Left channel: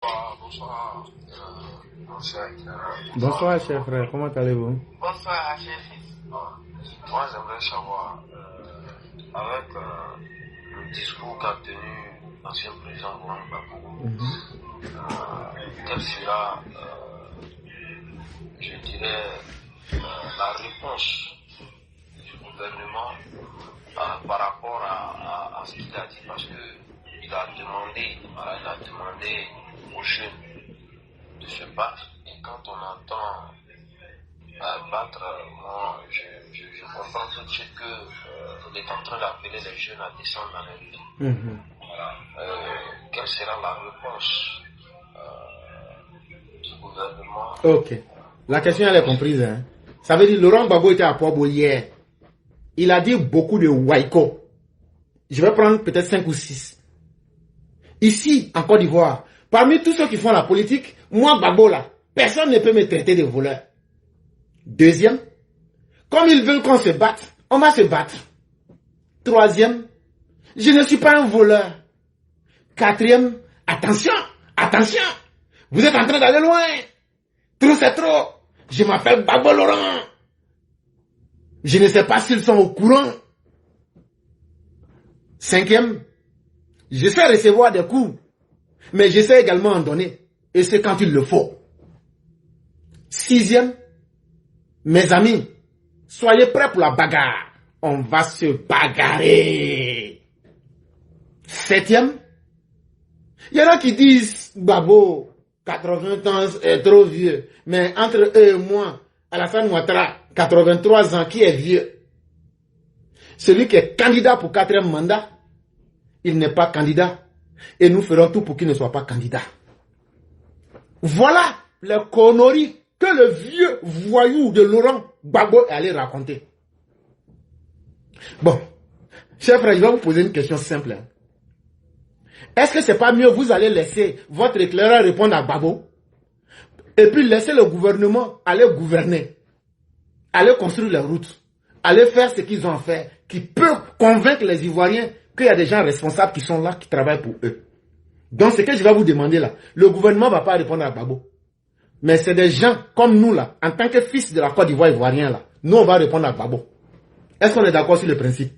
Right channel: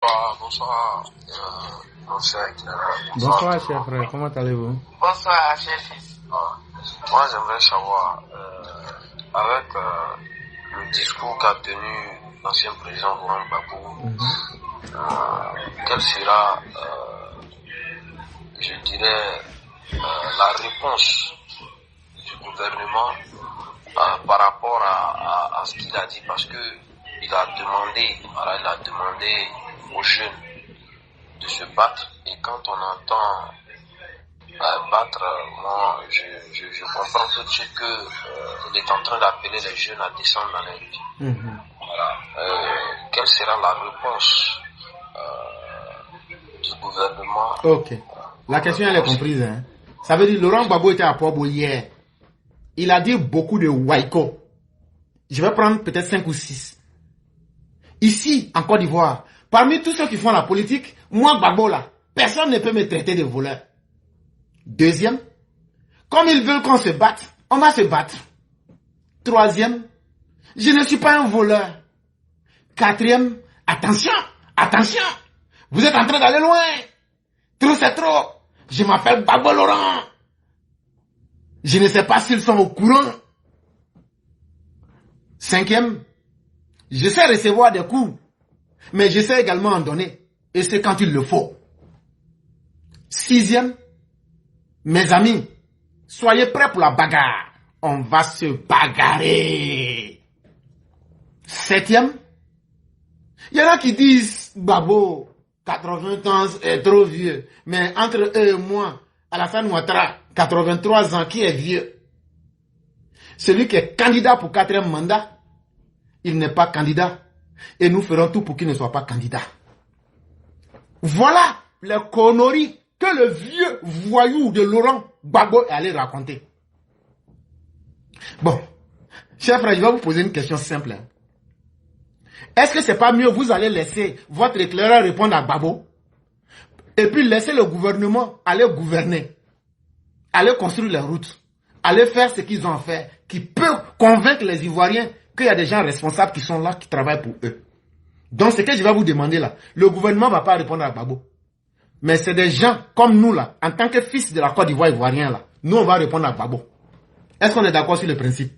Bonsoir, bonsoir. Bonsoir, cher frère, comment allez-vous? Bonsoir, cher fils. Moi, j'aimerais savoir, avec le discours qu'a tenu l'ancien président Laurent Gbagbo, quelle sera, je dirais, la réponse du gouvernement par rapport à ce qu'il a dit, parce que il a demandé aux jeunes de se battre, et quand on entend battre, moi je comprends tout de suite qu'il est en train d'appeler les jeunes à descendre dans les rues. Voilà. Quelle sera la réponse du gouvernement? Ok. La question elle est comprise. Hein? Ça veut dire Laurent Gbagbo était à Port hier. Il a dit beaucoup de waiko. Je vais prendre peut-être 5 ou 6. Ici, en Côte d'Ivoire, parmi tous ceux qui font la politique, moi, Gbagbo là, personne ne peut me traiter de voleur. Deuxième, comme ils veulent qu'on se batte, on va se battre. Troisième, je ne suis pas un voleur. Quatrième, attention, attention, vous êtes en train d'aller loin. Trop c'est trop. Je m'appelle Gbagbo Laurent. Je ne sais pas s'ils sont au courant. Cinquième, je sais recevoir des coups, mais je sais également en donner. Et c'est quand il le faut. Sixième, mes amis, soyez prêts pour la bagarre. On va se bagarrer. Septième, il y en a qui disent, Gbagbo, 80 ans est trop vieux. Mais entre eux et moi, Alassane Ouattara, 83 ans, qui est vieux? Celui qui est candidat pour 4e mandat, il n'est pas candidat. Et nous ferons tout pour qu'il ne soit pas candidat. Voilà les conneries que le vieux voyou de Laurent Gbagbo est allé raconter. Bon, chers frères, je vais vous poser une question simple. Hein. Est-ce que c'est pas mieux vous allez laisser votre éclaireur répondre à Gbagbo et puis laisser le gouvernement aller gouverner, aller construire les routes, aller faire ce qu'ils ont à faire, qui peut convaincre les Ivoiriens qu'il y a des gens responsables qui sont là, qui travaillent pour eux. Donc, ce que je vais vous demander là, le gouvernement ne va pas répondre à Gbagbo. Mais c'est des gens comme nous là, en tant que fils de la Côte d'Ivoire ivoirien là, nous on va répondre à Gbagbo. Est-ce qu'on est d'accord sur le principe?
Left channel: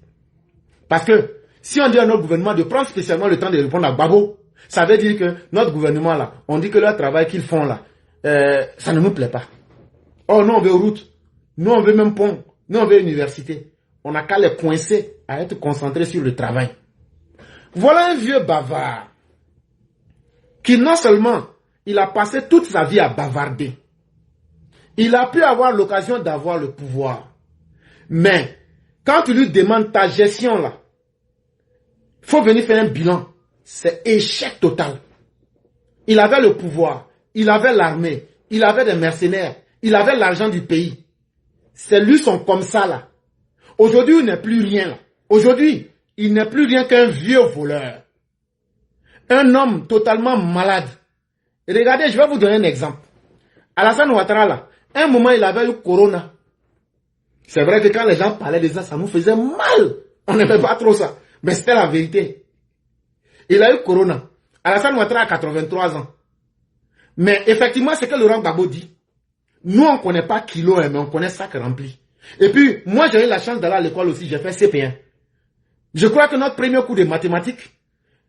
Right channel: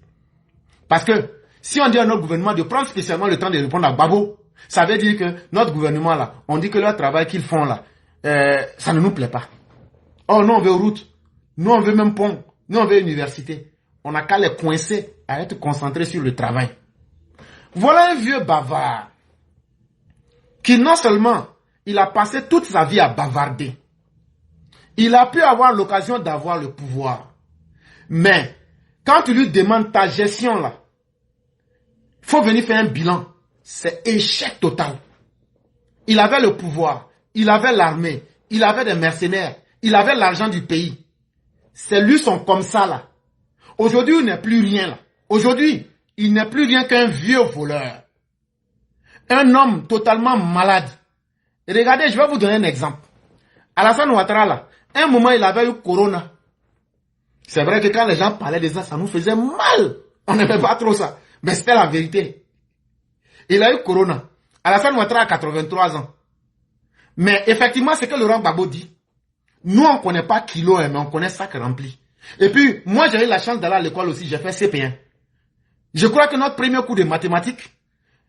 Parce que si on dit à notre gouvernement de prendre spécialement le temps de répondre à Gbagbo, ça veut dire que notre gouvernement là, on dit que leur travail qu'ils font là, ça ne nous plaît pas. Oh, nous on veut route, nous on veut même pont, nous on veut université. On n'a qu'à les coincer à être concentrés sur le travail. Voilà un vieux bavard qui non seulement il a passé toute sa vie à bavarder, il a pu avoir l'occasion d'avoir le pouvoir. Mais quand tu lui demandes ta gestion là, il faut venir faire un bilan. C'est échec total. Il avait le pouvoir, il avait l'armée, il avait des mercenaires, il avait l'argent du pays. C'est lui son comme ça là. Aujourd'hui, il n'est plus rien. Aujourd'hui, il n'est plus rien qu'un vieux voleur. Un homme totalement malade. Et regardez, je vais vous donner un exemple. Alassane Ouattara, là, un moment, il avait eu Corona. C'est vrai que quand les gens parlaient de ça, ça nous faisait mal. On n'aimait pas trop ça. Mais c'était la vérité. Il a eu Corona. Alassane Ouattara a 83 ans. Mais effectivement, c'est que Laurent Gbagbo dit. Nous, on ne connaît pas kilo, mais on connaît sac rempli. Et puis, moi, j'ai eu la chance d'aller à l'école aussi, j'ai fait CP1. Je crois que notre premier cours de mathématiques,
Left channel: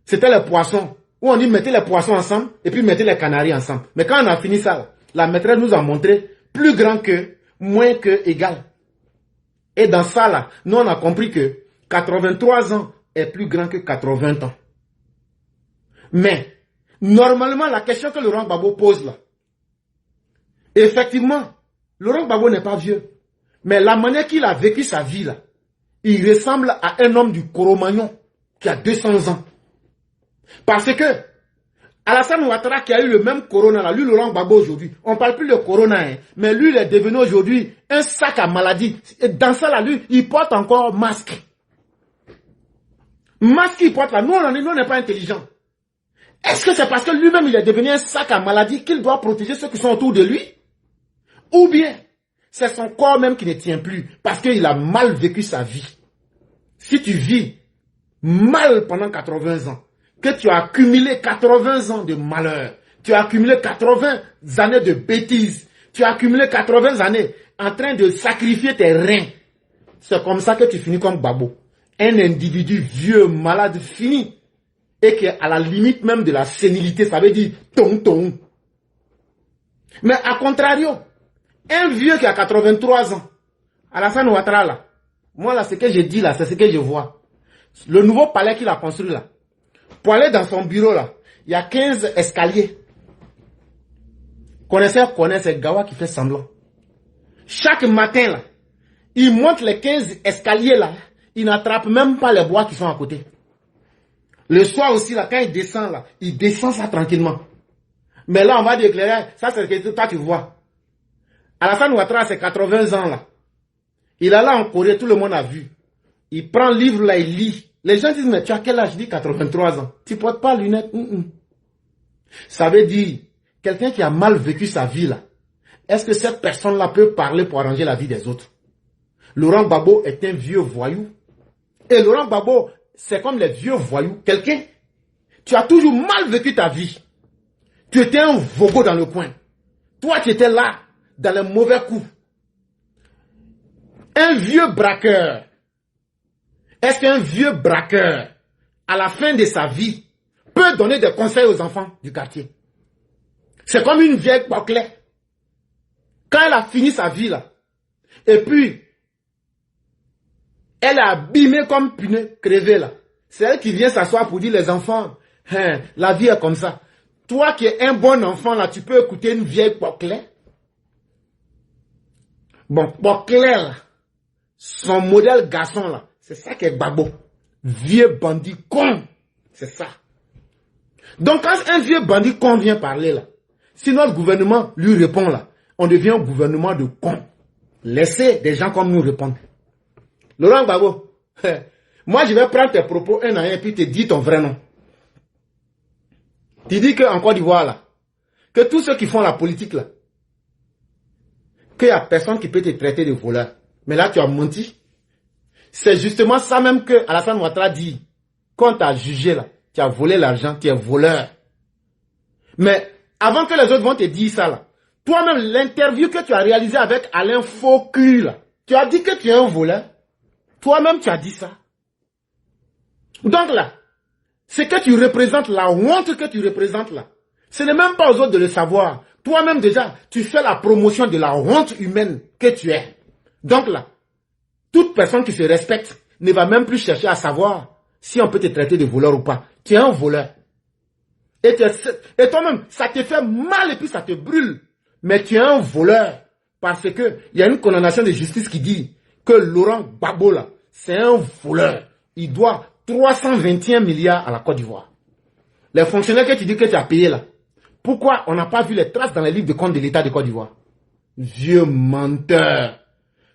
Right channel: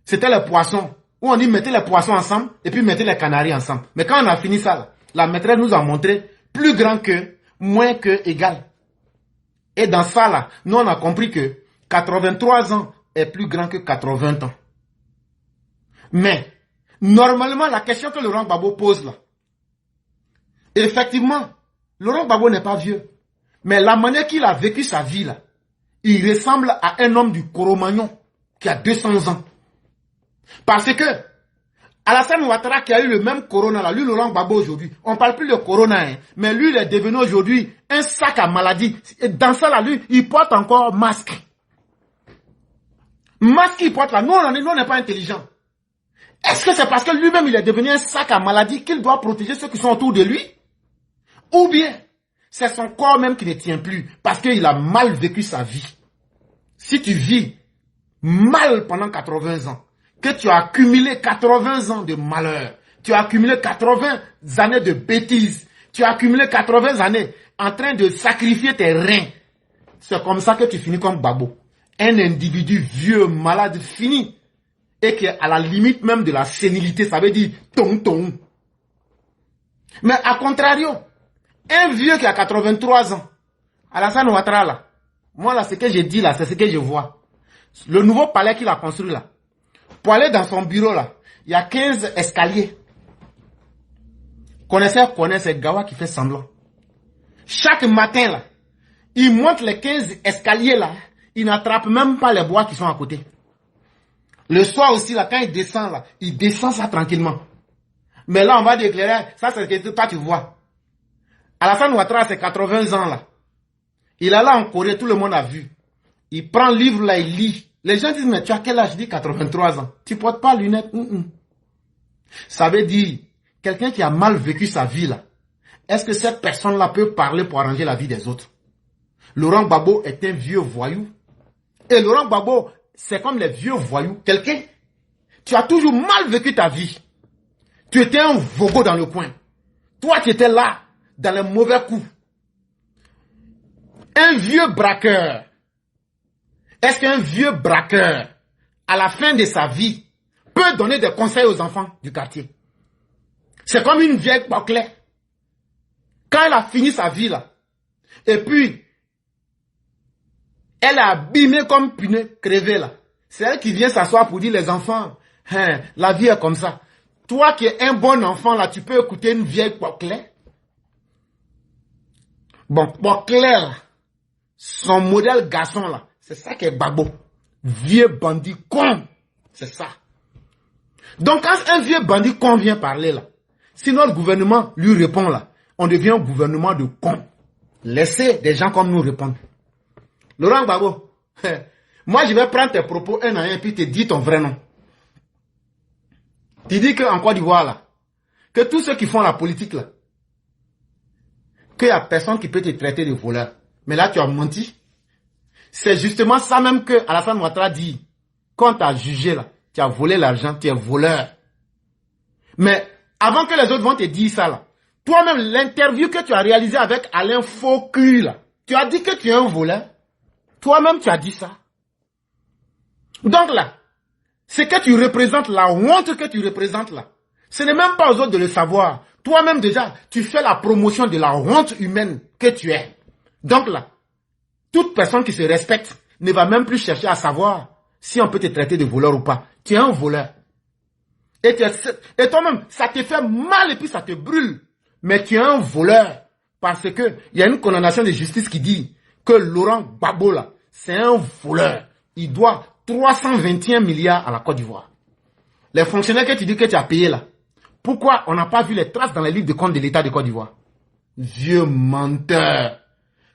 c'était les poissons. Où on dit mettez les poissons ensemble et puis mettez les canaris ensemble. Mais quand on a fini ça, la maîtresse nous a montré plus grand que, moins que, égal. Et dans ça, là, nous, on a compris que 83 ans est plus grand que 80 ans. Mais, normalement, la question que Laurent Gbagbo pose là, effectivement, Laurent Gbagbo n'est pas vieux. Mais la manière qu'il a vécu sa vie là, il ressemble à un homme du Cro-Magnon qui a 200 ans. Parce que Alassane Ouattara qui a eu le même corona là, lui Laurent Gbagbo aujourd'hui, on ne parle plus de corona, hein, mais lui il est devenu aujourd'hui un sac à maladie. Et dans ça là, lui, il porte encore masque. Masque qu'il porte là, nous on n'est pas intelligent. Est-ce que c'est parce que lui-même il est devenu un sac à maladie qu'il doit protéger ceux qui sont autour de lui? Ou bien c'est son corps même qui ne tient plus parce qu'il a mal vécu sa vie. Si tu vis mal pendant 80 ans, que tu as accumulé 80 ans de malheur, Tu as accumulé 80 années de bêtises. Tu as accumulé 80 années en train de sacrifier tes reins. C'est comme ça que tu finis comme Gbagbo. Un individu vieux, malade, fini. Et qui est à la limite même de la sénilité. Ça veut dire ton. Mais à contrario, un vieux qui a 83 ans, Alassane Ouattara là, moi là, ce que je dis là, c'est ce que je vois. Le nouveau palais qu'il a construit là, pour aller dans son bureau là, il y a 15 escaliers. Connaissez Gawa qui fait semblant. Chaque matin là, il monte les 15 escaliers là, il n'attrape même pas les bois qui sont à côté. Le soir aussi là, quand il descend là, il descend ça tranquillement. Mais là, on va déclarer, ça c'est ce que toi tu vois. Alassane Ouattara, c'est 80 ans là. Il est là en Corée, tout le monde a vu. Il prend le livre là, il lit. Les gens disent, mais tu as quel âge? Je dis 83 ans. Tu ne portes pas lunettes? Ça veut dire, quelqu'un qui a mal vécu sa vie là, est-ce que cette personne-là peut parler pour arranger la vie des autres? Laurent Gbagbo est un vieux voyou. Et Laurent Gbagbo, c'est comme les vieux voyous. Quelqu'un, tu as toujours mal vécu ta vie. Tu étais un vogo dans le coin. Toi, tu étais là, dans les mauvais coups. Un vieux braqueur. Est-ce qu'un vieux braqueur, à la fin de sa vie, peut donner des conseils aux enfants du quartier? C'est comme une vieille Boclet. Quand elle a fini sa vie là, et puis, elle a abîmé comme punais, crevé là. C'est elle qui vient s'asseoir pour dire les enfants, hein, la vie est comme ça. Toi qui es un bon enfant là, tu peux écouter une vieille Boclet. Bon, Boclet là, son modèle garçon là, c'est ça qui est Gbagbo. Vieux bandit con. C'est ça. Donc quand un vieux bandit con vient parler là, si notre gouvernement lui répond là, on devient un gouvernement de cons. Laissez des gens comme nous répondre. Laurent Gbagbo, moi je vais prendre tes propos un à un puis te dire ton vrai nom. Tu dis qu'en Côte d'Ivoire là, que tous ceux qui font la politique là, qu'il n'y a personne qui peut te traiter de voleur. Mais là tu as menti. C'est justement ça même que Alassane Ouattara dit. Quand tu as jugé là, tu as volé l'argent, tu es voleur. Mais avant que les autres vont te dire ça là, toi-même l'interview que tu as réalisée avec Alain Faucu là, tu as dit que tu es un voleur. Toi-même tu as dit ça. Donc là, ce que tu représentes, la honte que tu représentes là, ce n'est même pas aux autres de le savoir. Toi-même déjà, tu fais la promotion de la honte humaine que tu es. Donc là, toute personne qui se respecte ne va même plus chercher à savoir si on peut te traiter de voleur ou pas. Tu es un voleur. Et toi-même, ça te fait mal et puis ça te brûle. Mais tu es un voleur. Parce que il y a une condamnation de justice qui dit que Laurent Gbagbo là, c'est un voleur. Il doit 321 milliards à la Côte d'Ivoire. Les fonctionnaires que tu dis que tu as payés là, pourquoi on n'a pas vu les traces dans les livres de compte de l'État de Côte d'Ivoire? Vieux menteur.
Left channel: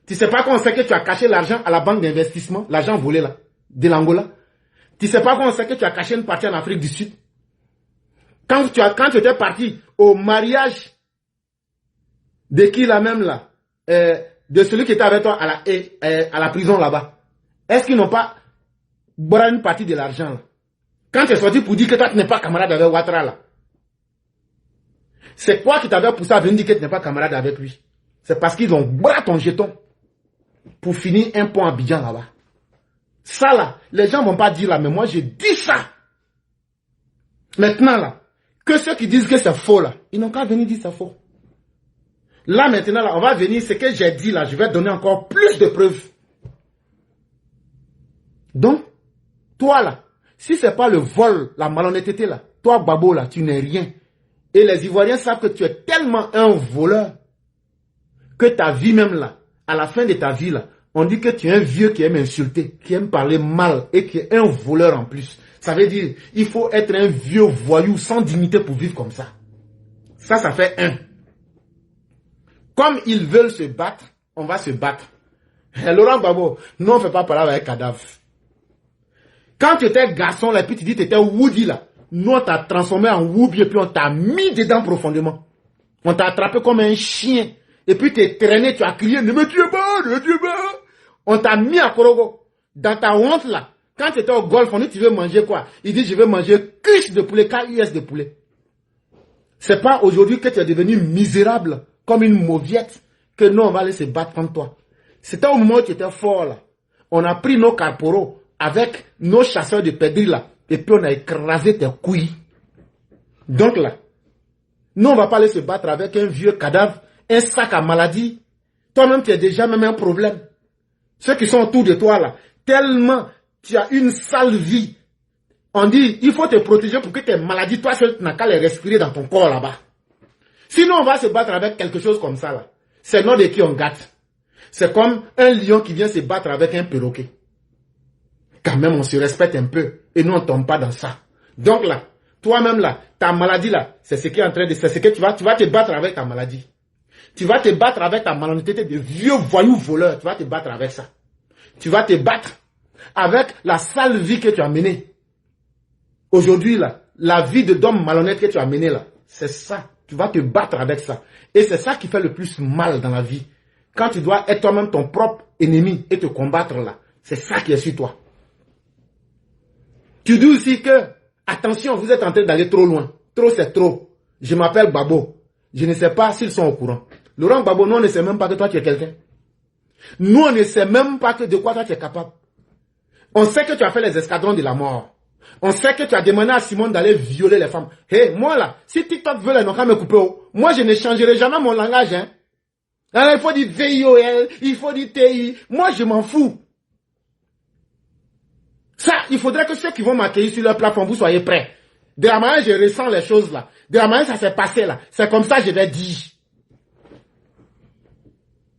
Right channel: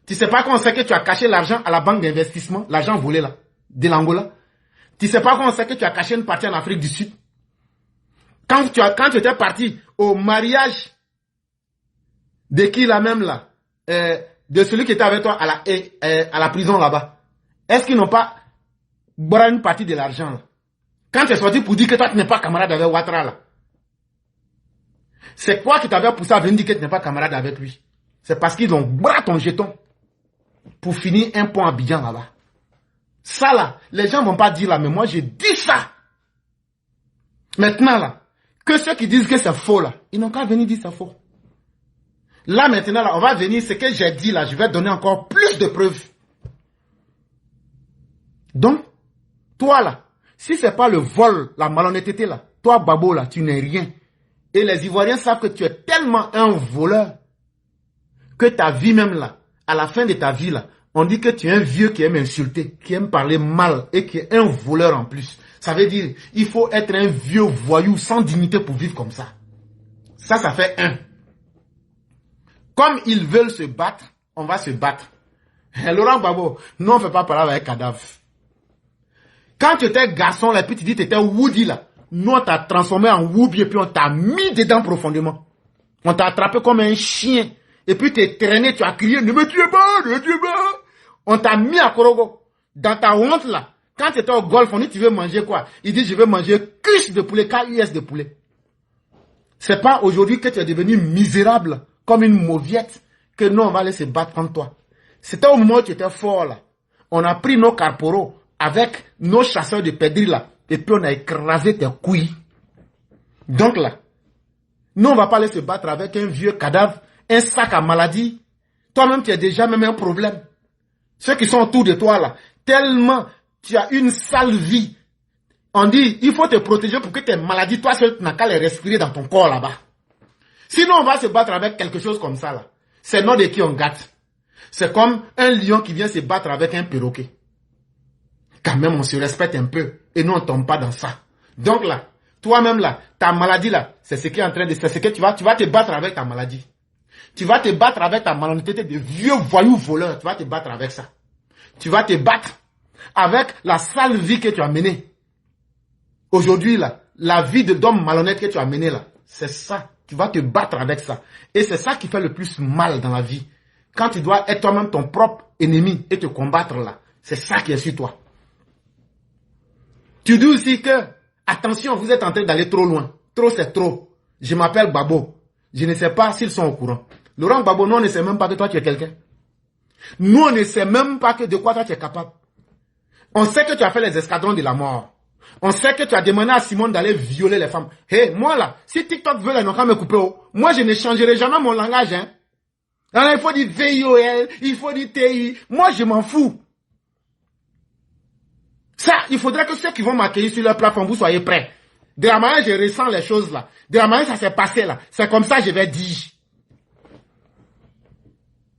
Tu sais pas qu'on sait que tu as caché l'argent à la banque d'investissement, l'argent volé là, de l'Angola. Tu sais pas qu'on sait que tu as caché une partie en Afrique du Sud. Quand tu étais parti au mariage de qui là même là, de celui qui était avec toi à la prison là-bas, est-ce qu'ils n'ont pas bourré une partie de l'argent là? Quand tu es sorti pour dire que toi tu n'es pas camarade avec Ouattara là, c'est quoi qui t'avait poussé à venir dire que tu n'es pas camarade avec lui? C'est parce qu'ils ont bourré ton jeton pour finir un pont à Abidjan là-bas. Ça là, les gens ne vont pas dire là, mais moi j'ai dit ça. Maintenant là, que ceux qui disent que c'est faux là, ils n'ont qu'à venir dire que c'est faux. Là maintenant là, on va venir, ce que j'ai dit là, je vais donner encore plus de preuves. Donc, toi là, si ce n'est pas le vol, la malhonnêteté là, toi Gbagbo là, tu n'es rien. Et les Ivoiriens savent que tu es tellement un voleur que ta vie même là, à la fin de ta vie là, on dit que tu es un vieux qui aime insulter, qui aime parler mal et qui est un voleur en plus. Ça veut dire, il faut être un vieux voyou sans dignité pour vivre comme ça. Ça fait un. Comme ils veulent se battre, on va se battre. Et Laurent Gbagbo, nous on ne fait pas parler avec cadavre. Quand tu étais garçon là, puis tu dis que tu étais Woody là, nous on t'a transformé en Woubi et puis on t'a mis dedans profondément. On t'a attrapé comme un chien. Et puis tu es traîné, tu as crié, ne me tuez pas, ne me tuez pas. On t'a mis à Korogo. Dans ta honte là, quand tu étais au golf, on dit tu veux manger quoi? Il dit je veux manger cuisse de poulet, KUS de poulet. C'est pas aujourd'hui que tu es devenu misérable comme une mauviette que nous, on va aller se battre contre toi. C'était au moment où tu étais fort là. On a pris nos carporaux avec nos chasseurs de perdrix là. Et puis on a écrasé tes couilles. Donc là, nous, on ne va pas aller se battre avec un vieux cadavre, un sac à maladie. Toi-même, tu as déjà même un problème. Ceux qui sont autour de toi là, tellement tu as une sale vie. On dit, il faut te protéger pour que tes maladies, toi seul, tu n'as qu'à les respirer dans ton corps là-bas. Sinon, on va se battre avec quelque chose comme ça là. C'est nous de qui on gâte. C'est comme un lion qui vient se battre avec un perroquet. Quand même, on se respecte un peu et nous, on ne tombe pas dans ça. Donc là, toi-même là, ta maladie là, c'est ce qui est en train de... C'est ce que tu vas te battre avec ta maladie. Tu vas te battre avec ta malhonnêteté de vieux voyous voleurs. Tu vas te battre avec ça. Tu vas te battre avec la sale vie que tu as menée. Aujourd'hui là, la vie de d'homme malhonnête que tu as menée là, c'est ça. Tu vas te battre avec ça. Et c'est ça qui fait le plus mal dans la vie. Quand tu dois être toi-même ton propre ennemi et te combattre là, c'est ça qui est sur toi. Tu dis aussi que, attention, vous êtes en train d'aller trop loin. Trop, c'est trop. Je m'appelle Babo. Je ne sais pas s'ils sont au courant. Laurent Babo, nous, on ne sait même pas que toi, tu es quelqu'un. Nous, on ne sait même pas que de quoi toi, tu es capable. On sait que tu as fait les escadrons de la mort. On sait que tu as demandé à Simone d'aller violer les femmes. Hé, moi là, si TikTok veut les n'ont qu'à me couper, moi, je ne changerai jamais mon langage. Hein. Alors, il faut dire VIOL, il faut dire TI. Moi, je m'en fous. Ça, il faudrait que ceux qui vont m'accueillir sur leur plateforme, vous soyez prêts. De la manière je ressens les choses là. De la manière ça s'est passé là. C'est comme ça que je vais dire.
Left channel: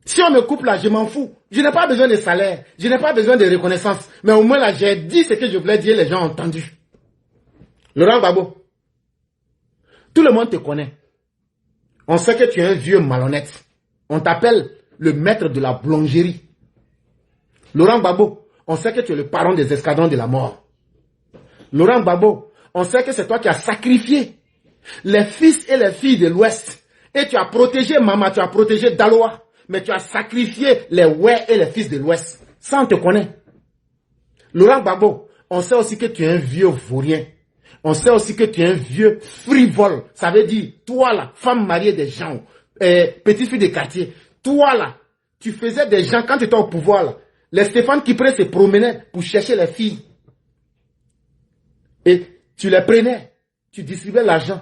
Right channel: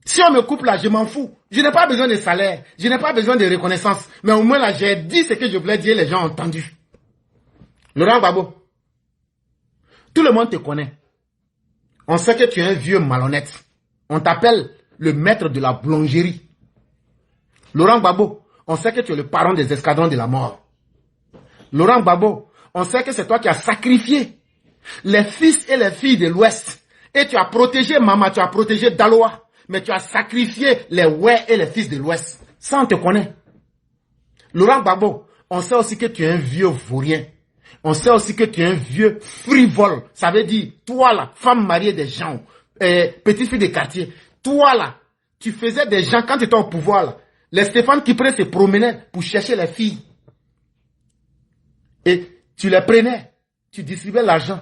Si on me coupe là, je m'en fous. Je n'ai pas besoin de salaire. Je n'ai pas besoin de reconnaissance. Mais au moins là, j'ai dit ce que je voulais dire, les gens ont entendu. Laurent Gbagbo, tout le monde te connaît. On sait que tu es un vieux malhonnête. On t'appelle le maître de la boulangerie. Laurent Gbagbo, on sait que tu es le parent des escadrons de la mort. Laurent Gbagbo, on sait que c'est toi qui as sacrifié les fils et les filles de l'Ouest. Et tu as protégé Mama, tu as protégé Daloa. Mais tu as sacrifié les ouais et les fils de l'Ouest. Ça, on te connaît. Laurent Gbagbo, on sait aussi que tu es un vieux vaurien. On sait aussi que tu es un vieux frivole. Ça veut dire, toi là, femme mariée des gens, petite fille de quartier, toi là, tu faisais des gens, quand tu étais au pouvoir là, les Stéphane Kipré se promenaient pour chercher les filles. Et tu les prenais, tu distribuais l'argent.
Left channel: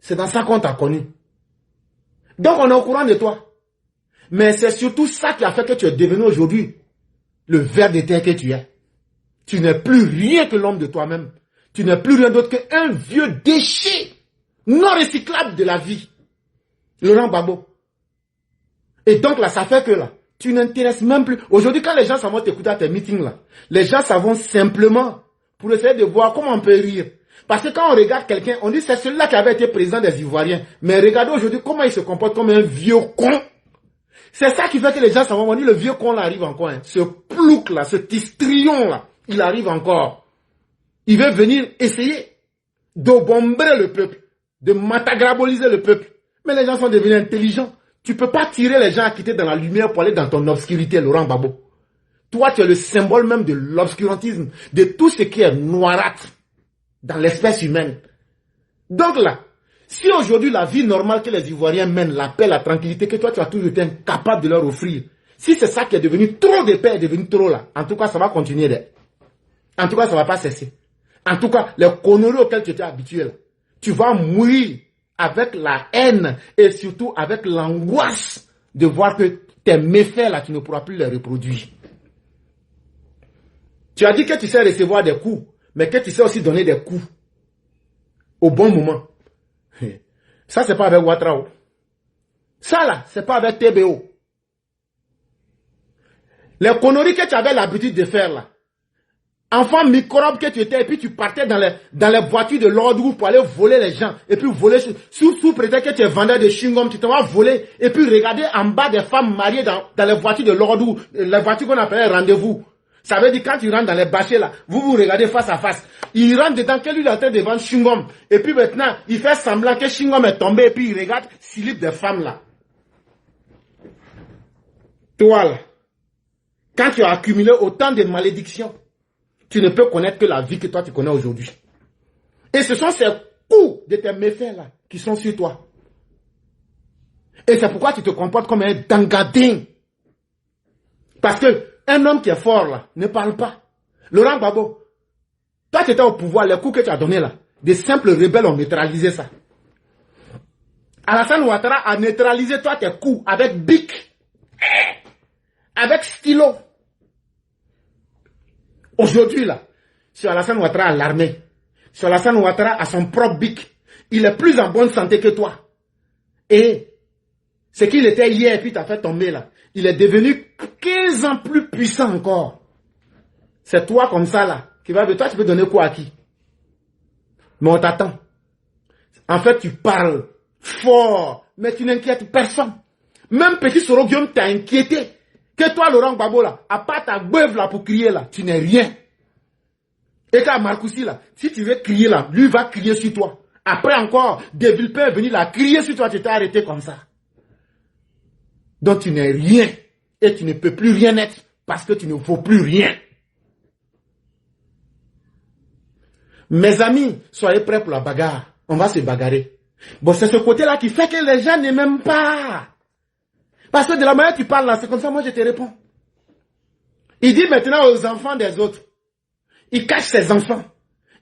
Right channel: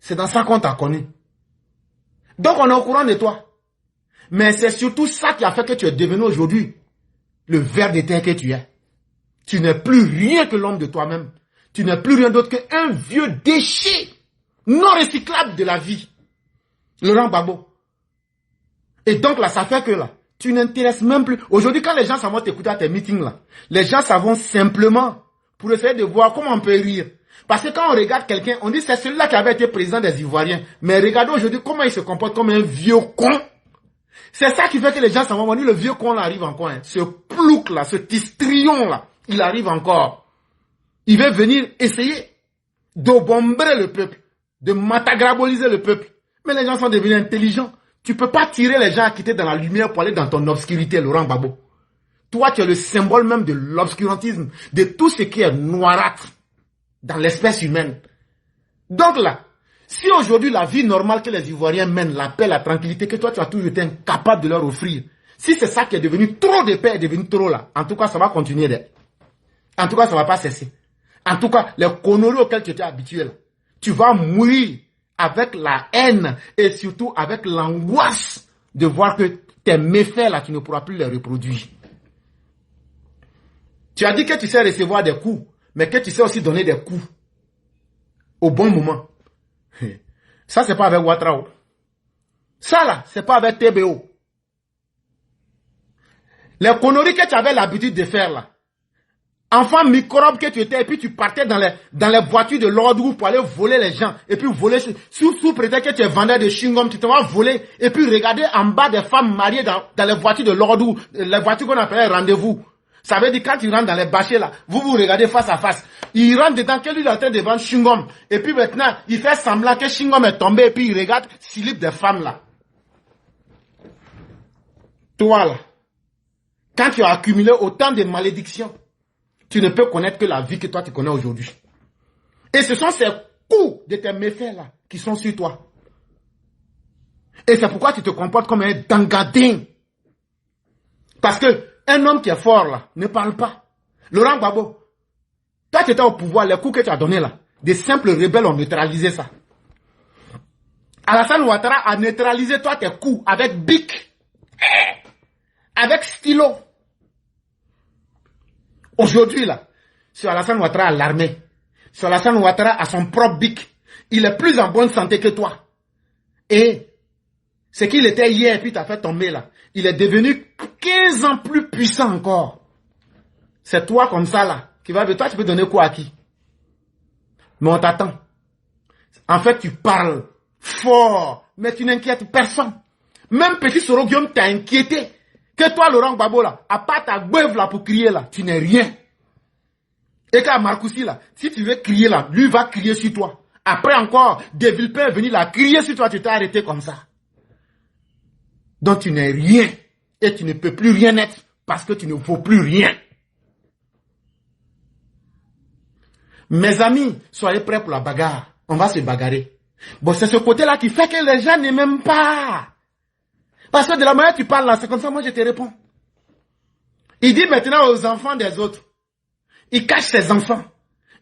C'est dans ça qu'on t'a connu. Donc on est au courant de toi. Mais c'est surtout ça qui a fait que tu es devenu aujourd'hui le ver de terre que tu es. Tu n'es plus rien que l'homme de toi-même. Tu n'es plus rien d'autre qu'un vieux déchet non recyclable de la vie. Laurent Gbagbo. Et donc là, ça fait que là, tu n'intéresses même plus. Aujourd'hui, quand les gens s'en vont t'écouter à tes meetings là, les gens s'en vont simplement pour essayer de voir comment on peut rire. Parce que quand on regarde quelqu'un, on dit c'est celui-là qui avait été président des Ivoiriens. Mais regardez aujourd'hui comment il se comporte comme un vieux con. C'est ça qui fait que les gens s'en vont dire le vieux con là arrive encore. Hein. Ce plouc là, ce histrion là, il arrive encore. Il veut venir essayer d'obombrer le peuple, de matagraboliser le peuple. Mais les gens sont devenus intelligents. Tu ne peux pas tirer les gens à quitter dans la lumière pour aller dans ton obscurité, Laurent Gbagbo. Toi, tu es le symbole même de l'obscurantisme, de tout ce qui est noirâtre dans l'espèce humaine. Donc là, si aujourd'hui la vie normale que les Ivoiriens mènent, la paix, la tranquillité que toi tu as toujours été incapable de leur offrir, si c'est ça qui est devenu trop de paix, est devenu trop là, en tout cas ça va continuer d'être. En tout cas ça ne va pas cesser. En tout cas, les conneries auxquelles tu étais habitué, là, tu vas mourir avec la haine et surtout avec l'angoisse de voir que tes méfaits là, tu ne pourras plus les reproduire. Tu as dit que tu sais recevoir des coups, mais que tu sais aussi donner des coups au bon moment. Ça, c'est pas avec Ouattara. Ça, là, c'est pas avec TBO. Les conneries que tu avais l'habitude de faire, là. Enfant microbe que tu étais, et puis tu partais dans les voitures de l'ordre pour aller voler les gens, et puis voler, sous prétexte que tu es vendeur de chewing-gum, tu te vas voler, et puis regarder en bas des femmes mariées dans les voitures de l'ordre, les voitures qu'on appelait rendez-vous. Ça veut dire quand il rentre dans les bâchers là, vous vous regardez face à face. Il rentre dedans, que lui il est en train de vendre chewing-gum. Et puis maintenant, il fait semblant que chewing-gum est tombé et puis il regarde slip des femmes là. Toi là, quand tu as accumulé autant de malédictions, tu ne peux connaître que la vie que toi tu connais aujourd'hui. Et ce sont ces beaucoup de tes méfaits là qui sont sur toi. Et c'est pourquoi tu te comportes comme un dangadin. Parce que un homme qui est fort là ne parle pas. Laurent Gbagbo, toi tu étais au pouvoir, les coups que tu as donnés là, des simples rebelles ont neutralisé ça. Alassane Ouattara a neutralisé toi tes coups avec bic, avec stylo. Aujourd'hui là, c'est Alassane Ouattara à l'armée. C'est Alassane Ouattara à son propre bic. Il est plus en bonne santé que toi. Et ce qu'il était hier, puis t'as fait tomber là, il est devenu 15 ans plus puissant encore. C'est toi comme ça là, qui va toi tu peux donner quoi à qui? Mais on t'attend. En fait, tu parles fort, mais tu n'inquiètes personne. Même Petit Soro Guillaume t'a inquiété. Que toi, Laurent Gbagbo, là, à part ta beuve là pour crier là, tu n'es rien. Et qu'à Marcoussi là, si tu veux crier là, lui va crier sur toi. Après encore, des Villepin est venu là, crier sur toi, tu t'es arrêté comme ça. Donc tu n'es rien. Et tu ne peux plus rien être parce que tu ne vaux plus rien. Mes amis, soyez prêts pour la bagarre. On va se bagarrer. Bon, c'est ce côté-là qui fait que les gens ne m'aiment pas. Parce que de la manière que tu parles là, c'est comme ça, moi je te réponds. Il dit maintenant aux enfants des autres. Il cache ses enfants.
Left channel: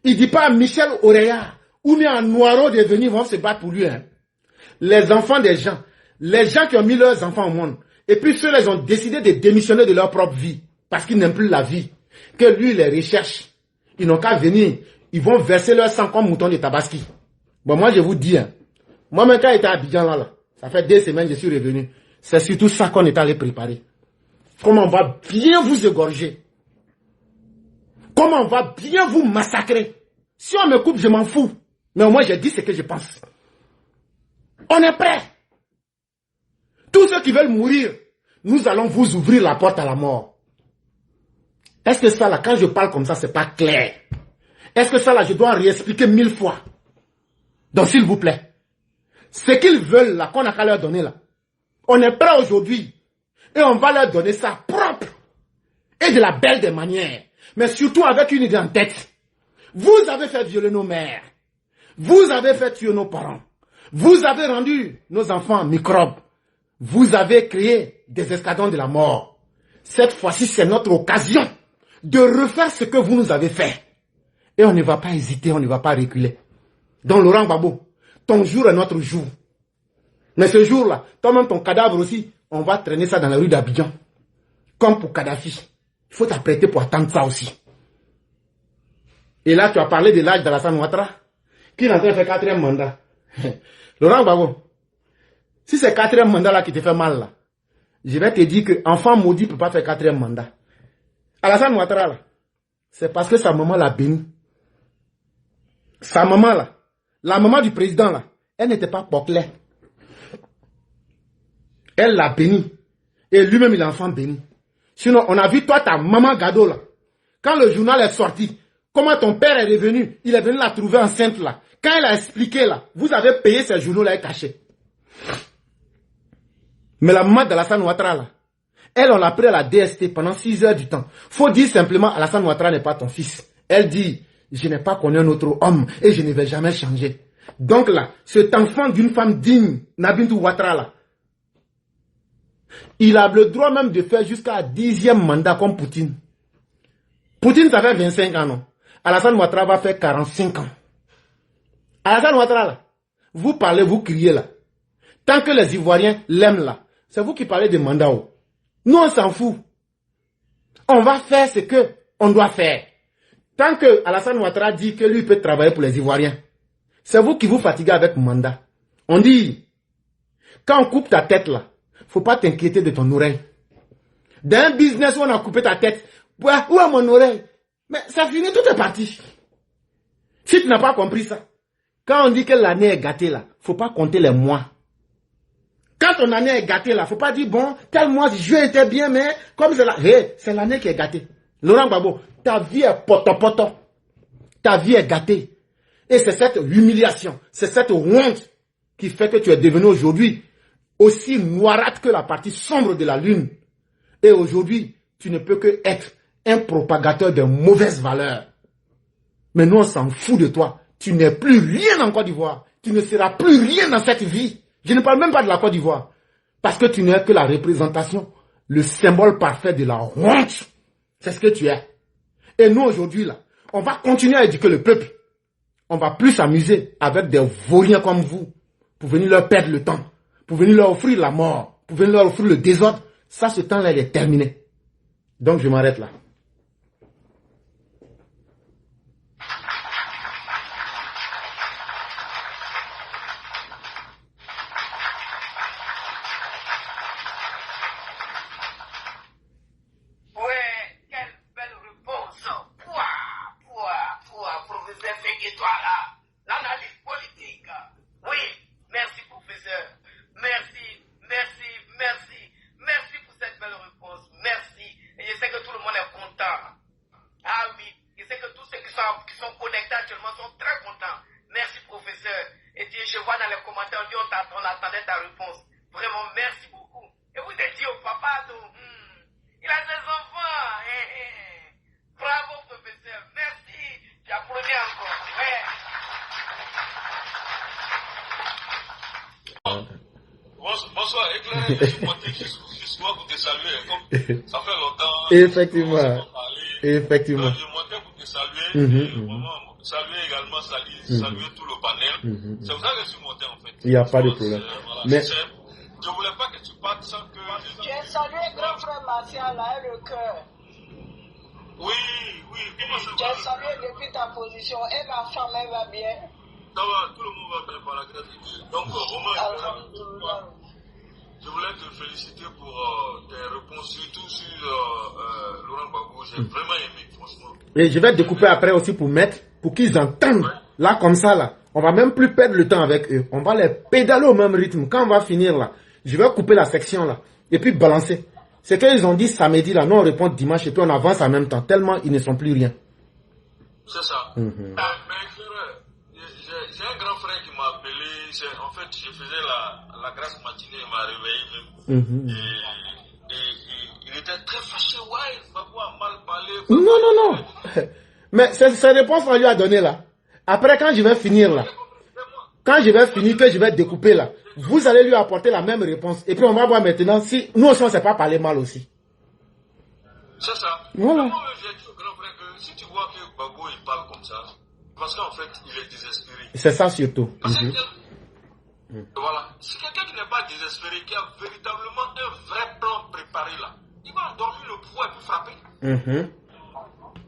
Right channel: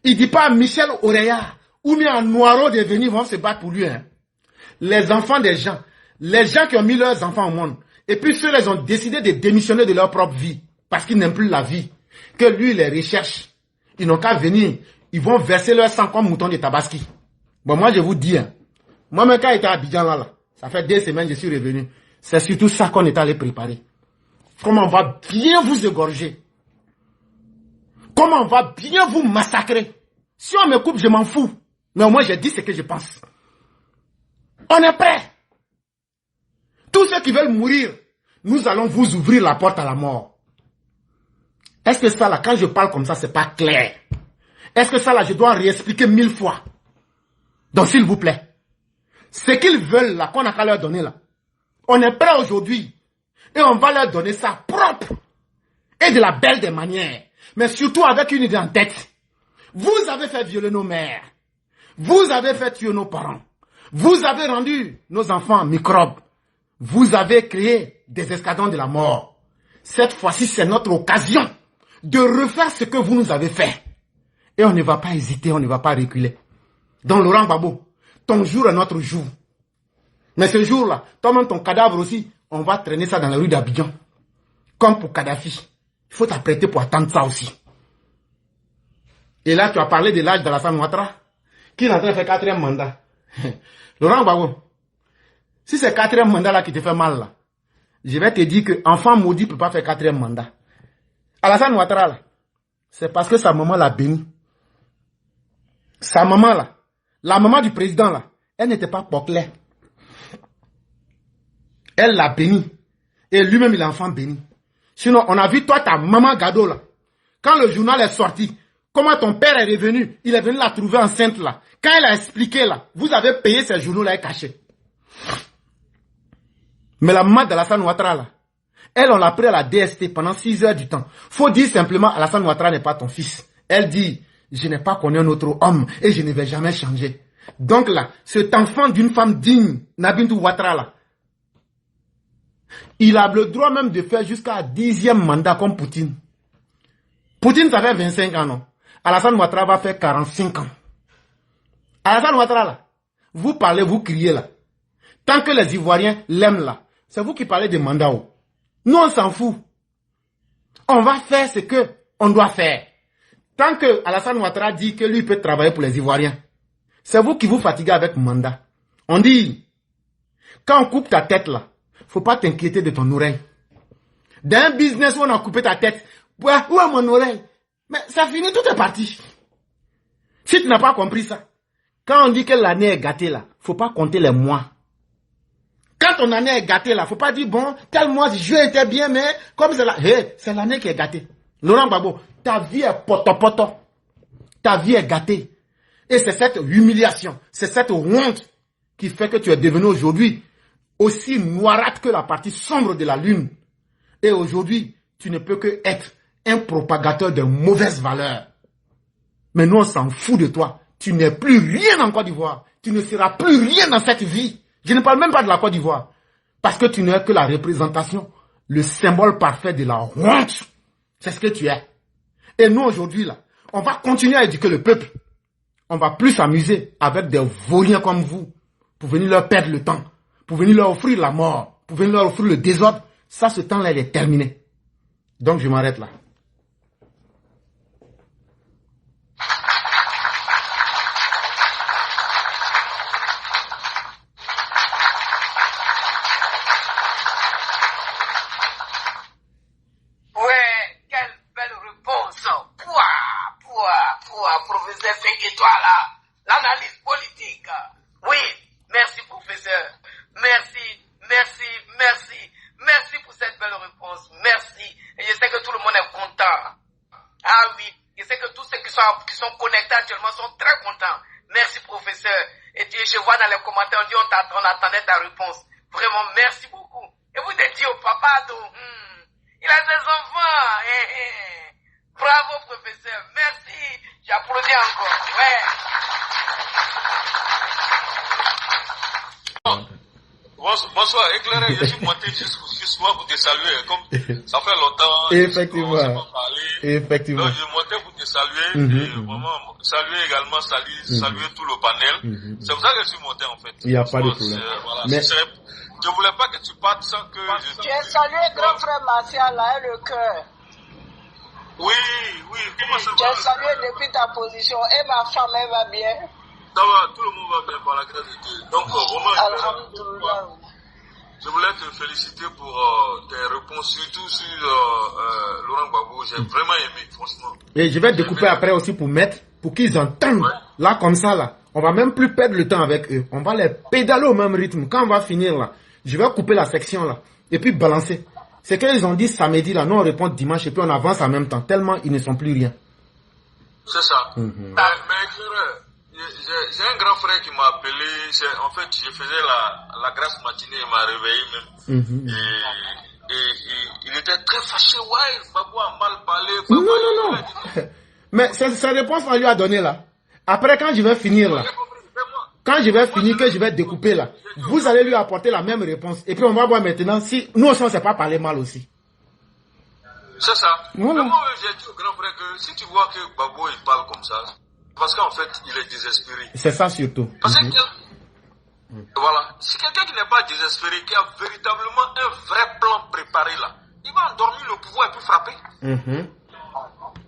Il ne dit pas à Michel Oreya ou bien à Noiro de venir, vont se battre pour lui. Hein. Les enfants des gens. Les gens qui ont mis leurs enfants au monde. Et puis ceux-là, ils ont décidé de démissionner de leur propre vie. Parce qu'ils n'aiment plus la vie. Que lui, il les recherche. Ils n'ont qu'à venir. Ils vont verser leur sang comme mouton de Tabaski. Bon, moi, je vous dis, hein, moi-même, quand j'étais à Abidjan, là, ça fait 2 semaines que je suis revenu. C'est surtout ça qu'on est allé préparer. Comment on va bien vous égorger. Comment on va bien vous massacrer. Si on me coupe, je m'en fous. Mais au moins, je dis ce que je pense. On est prêts. Tous ceux qui veulent mourir, nous allons vous ouvrir la porte à la mort. Est-ce que ça, là, quand je parle comme ça, c'est pas clair? Est-ce que ça, là, je dois réexpliquer 1000 fois? Donc, s'il vous plaît, ce qu'ils veulent, là, qu'on a qu'à leur donner, là, on est prêt aujourd'hui. Et on va leur donner ça propre. Et de la belle des manières. Mais surtout avec une idée en tête. Vous avez fait violer nos mères. Vous avez fait tuer nos parents. Vous avez rendu nos enfants microbes. Vous avez créé des escadrons de la mort. Cette fois-ci, c'est notre occasion de refaire ce que vous nous avez fait. Et on ne va pas hésiter, on ne va pas reculer. Donc, Laurent Gbagbo, ton jour est notre jour. Mais ce jour-là, toi-même, ton cadavre aussi, on va traîner ça dans la rue d'Abidjan. Comme pour Kadhafi. Il faut t'apprêter pour attendre ça aussi. Et là, tu as parlé de l'âge d'Alassane Ouattara, qui est en train de faire 4e mandat. Laurent Gbagbo, si c'est 4e mandat là qui te fait mal, là, je vais te dire que enfant maudit ne peut pas faire 4e mandat. Alassane Ouattara, là, c'est parce que sa maman l'a béni. Sa maman, là, la maman du président, là, elle n'était pas poclaire. Elle l'a béni. Et lui-même, il est enfant béni. Sinon, on a vu toi, ta maman Gado, là. Quand le journal est sorti, comment ton père est revenu, il est venu la trouver enceinte, là. Quand elle a expliqué, là, vous avez payé ces journaux-là et caché. Mais la maman d'Alassane Ouattara, là, elle, on l'a pris à la DST pendant 6 heures du temps. Faut dire simplement, Alassane Ouattara n'est pas ton fils. Elle dit, je n'ai pas connu un autre homme et je ne vais jamais changer. Donc là, cet enfant d'une femme digne, Nabintou Ouattara, là, il a le droit même de faire jusqu'à 10e mandat comme Poutine. Poutine, ça fait 25 ans, non? Alassane Ouattara va faire 45 ans. Alassane Ouattara, là, vous parlez, vous criez, là. Tant que les Ivoiriens l'aiment, là, c'est vous qui parlez de mandat. Nous, on s'en fout. On va faire ce qu'on doit faire. Tant que Alassane Ouattara dit que lui peut travailler pour les Ivoiriens, c'est vous qui vous fatiguez avec mandat. On dit, quand on coupe ta tête, là, faut pas t'inquiéter de ton oreille. Dans un business où on a coupé ta tête, où est mon oreille? Mais ça finit, tout est parti. Si tu n'as pas compris ça, quand on dit que l'année est gâtée, là, faut pas compter les mois. Quand ton année est gâtée, là, faut pas dire, bon, tel mois, juin était bien, mais comme c'est là, hey, c'est l'année qui est gâtée. Laurent Gbagbo, ta vie est poto-poto. Ta vie est gâtée. Et c'est cette humiliation, c'est cette honte qui fait que tu es devenu aujourd'hui aussi noirâtre que la partie sombre de la lune. Et aujourd'hui, tu ne peux que être un propagateur de mauvaises valeurs. Mais nous, on s'en fout de toi. tu n'es plus rien en Côte d'Ivoire. Tu ne seras plus rien dans cette vie. Je ne parle même pas de la Côte d'Ivoire. Parce que tu n'es que la représentation, le symbole parfait de la honte. C'est ce que tu es. Et nous, aujourd'hui, là, on va continuer à éduquer le peuple. On va plus s'amuser avec des vauriens comme vous pour venir leur perdre le temps, pour venir leur offrir la mort, pour venir leur offrir le désordre. Ça, ce temps-là, il est terminé. Donc, je m'arrête là. Bonsoir, éclairé, je suis monté justement pour te saluer. Comme ça fait longtemps. Effectivement. Effectivement. Donc, je montais pour te saluer. Vraiment, saluer également, saluer tout le panel. C'est pour ça que je suis monté en fait. Il n'y a pas de problème. Voilà, mais... Je ne voulais pas que tu partes sans que. J'ai salué grand frère Martial là, et le cœur. Oui, comment ça va? J'ai salué depuis ta position et ma femme, elle va bien. Ça va, tout le monde va bien par la grâce de Dieu. Donc, vraiment, je voulais te féliciter pour tes réponses, surtout sur Laurent Gbagbo. J'ai vraiment aimé, franchement. Et je vais découper après aussi pour mettre, pour qu'ils entendent. Ouais. Là, comme ça, là, on va même plus perdre le temps avec eux. On va les pédaler au même rythme. Quand on va finir là, je vais couper la section là et puis balancer. C'est qu'ils ont dit samedi là, nous on répond dimanche et puis on avance en même temps, tellement ils ne sont plus rien. C'est ça. Mais j'ai un grand frère qui m'a appelé. En fait, je faisais la grasse matinée, il m'a réveillé même. Et il était très fâché. Ouais, Babou a mal parlé. Non. Mais cette réponse qu'on lui a donnée là, après quand je vais finir là, quand je vais finir, que je vais découper là, vous allez lui apporter la même réponse. Et puis on va voir maintenant si nous aussi on ne sait pas parler mal aussi. C'est ça. Voilà. Moi, j'ai dit au grand frère que si tu vois que Babou il parle comme ça, parce qu'en fait il est désespéré. C'est ça surtout. Parce que voilà, si quelqu'un qui n'est pas désespéré, qui a véritablement un vrai plan préparé là, il va endormir le pouvoir et puis frapper.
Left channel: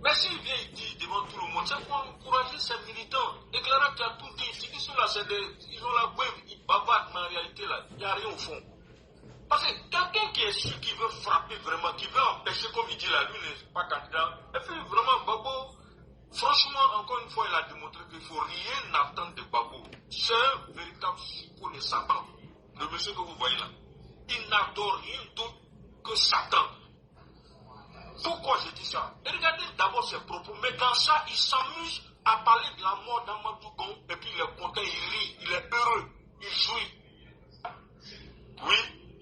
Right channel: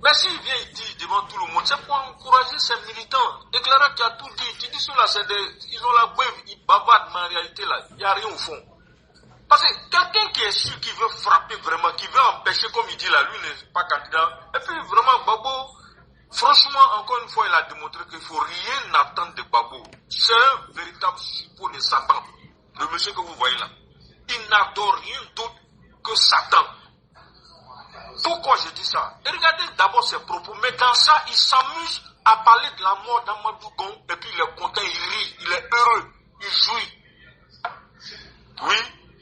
Mais s'il vient et dit devant tout le monde, c'est pour encourager ses militants. Éclairant qui a tout dit, tu dis cela, ils ont la beuve, ils bavardent, mais en réalité là, il n'y a rien au fond. Parce que quelqu'un qui est sûr, qui veut frapper vraiment, qui veut empêcher, comme il dit là, lui n'est pas candidat. Et puis vraiment, Gbagbo, franchement, encore une fois, il a démontré qu'il ne faut rien attendre de Gbagbo. C'est un véritable suppôt de Satan. Le monsieur que vous voyez là. Il n'adore rien d'autre que Satan. Pourquoi je dis ça? Et regardez d'abord ses propos, mais dans ça, il s'amuse à parler de la mort d'Amadou Gon, et puis il est content, il rit, il est heureux, il jouit. Oui,